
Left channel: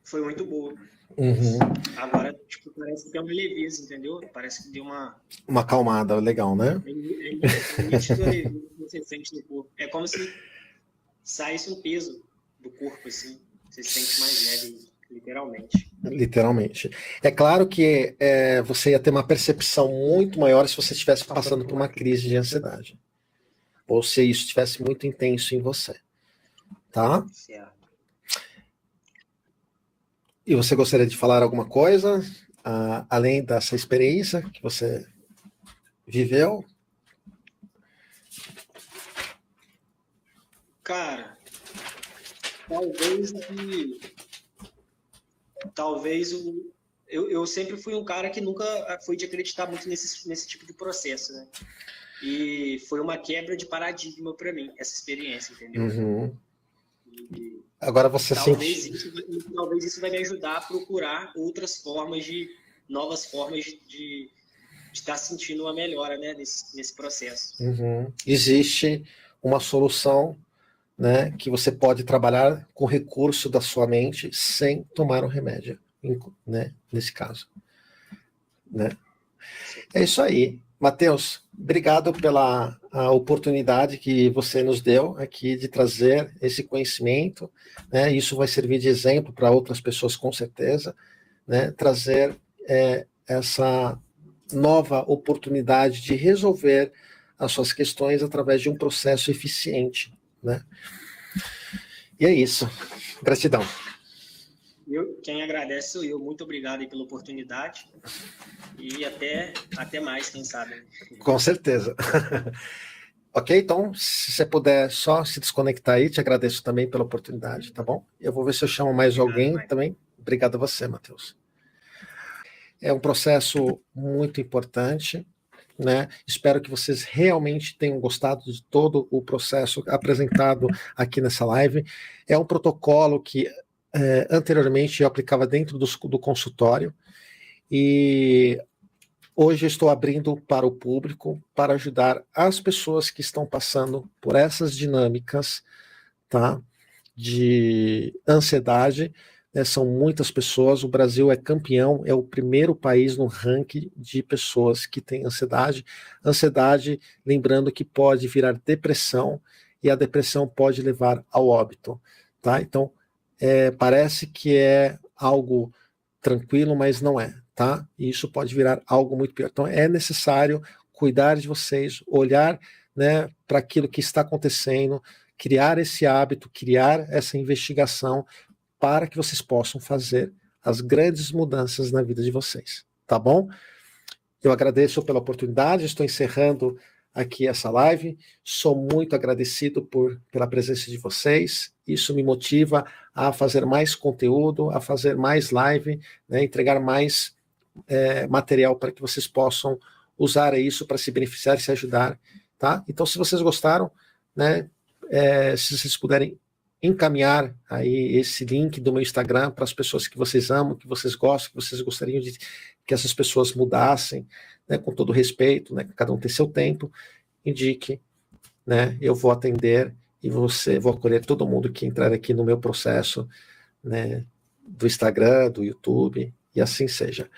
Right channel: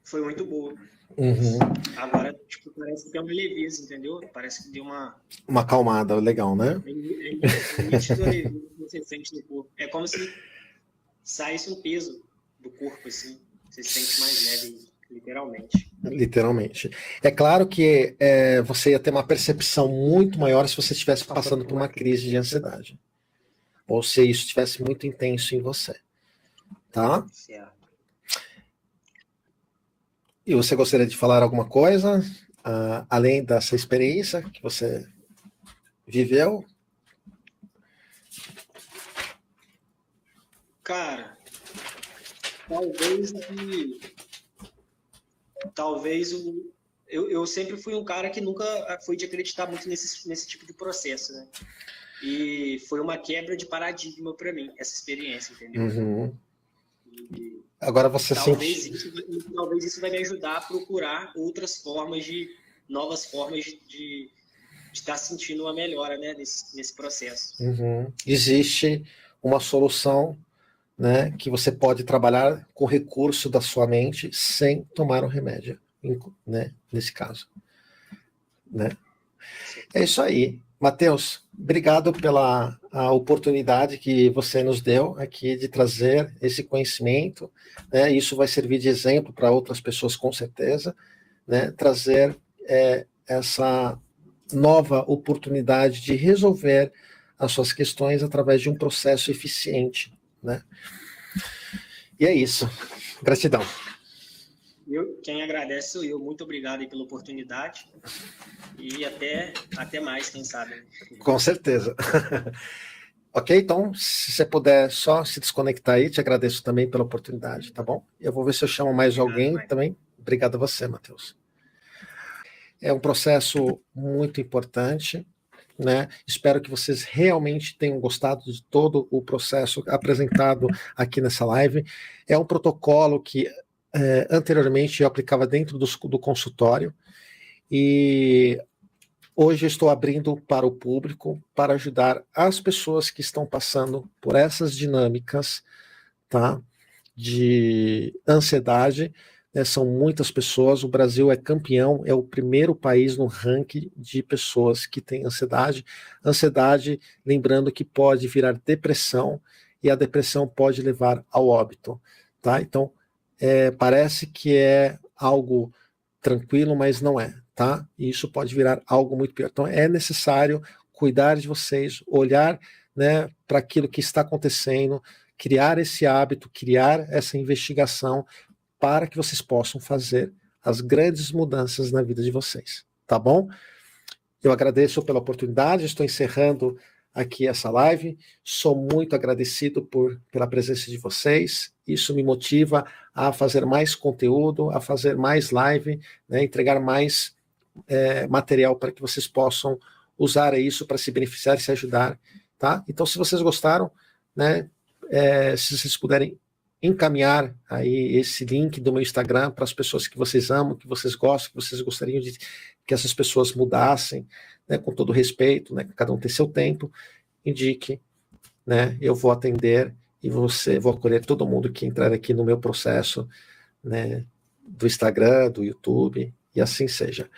Foi muito boa. Uhum. Agora, tipo, parece que é uma leveza, entendeu? Parece que deu uma acalmada, legal, né? É nítido a leveza que você sente no corpo. É como se saísse um peso do corpo, assim. Você se sente mais leve, literalmente. Literalmente. É claro que você ia ter uma percepção muito maior se você estivesse passando por uma crise de ansiedade. Ou se isso estivesse muito intenso em você. Tá? Certo. E você gostaria de falar alguma coisa, além dessa experiência que você viveu? Cara, talvez talvez eu sempre fui um cara que nunca foi de acreditar muito nesse tipo de processo, né? E foi uma quebra de paradigma para mim, essa experiência, entendeu? Uhum. E Agora você talvez sente. isso vai me ajudar a procurar novas formas de estar sentindo uma melhora, né, nesse processo. Uhum. Existe uma solução, né, que você pode trabalhar com o recurso da sua mente sem tomar um remédio, né, nesse caso. Né? É isso aí. Matheus, obrigado pela oportunidade que você nos deu aqui de trazer esse conhecimento. Né? Isso vai servir de exemplo para outras pessoas, com certeza. Né? Trazer essa nova oportunidade de resolver as suas questões através de um processo eficiente. Né? E é isso. Gratidão. Quem agradece sou eu. Muito obrigado aí pela oportunidade. E até mais, quem sabe. Né? Com certeza. Ok? Então, se você puder só se desconectar aí, te agradeço também pela oportunidade, tá bom? Eu vou ver se eu chamo mais Obrigado, alguém Mike. também. Obrigado a você, Matheus. É um processo muito importante, né? Espero que vocês realmente tenham gostado de todo o processo apresentado aqui nessa live. É um protocolo que anteriormente eu aplicava dentro do consultório e hoje eu estou abrindo para o público para ajudar as pessoas que estão passando por essas dinâmicas, tá, de ansiedade. Né? São muitas pessoas. O Brasil é campeão, é o primeiro país no ranking de pessoas que têm ansiedade. Ansiedade, lembrando que pode virar depressão e a depressão pode levar ao óbito. Tá? Então, parece que é algo tranquilo, mas não é. Tá? E isso pode virar algo muito pior. Então é necessário cuidar de vocês, olhar, né, para aquilo que está acontecendo, criar esse hábito, criar essa investigação para que vocês possam fazer as grandes mudanças na vida de vocês, tá bom? Eu agradeço pela oportunidade, estou encerrando aqui essa live. Sou muito agradecido pela presença de vocês. Isso me motiva a fazer mais conteúdo, a fazer mais live, né, entregar mais material para que vocês possam usar isso para se beneficiar e se ajudar, tá? Então, se vocês gostaram, né, se vocês puderem encaminhar aí esse link do meu Instagram para as pessoas que vocês amam, que vocês gostam, que vocês gostariam de que essas pessoas mudassem, né, com todo respeito, né, que cada um tem seu tempo, indique, né, eu vou atender e vou acolher todo mundo que entrar aqui no meu processo, né, do Instagram, do YouTube, e assim seja.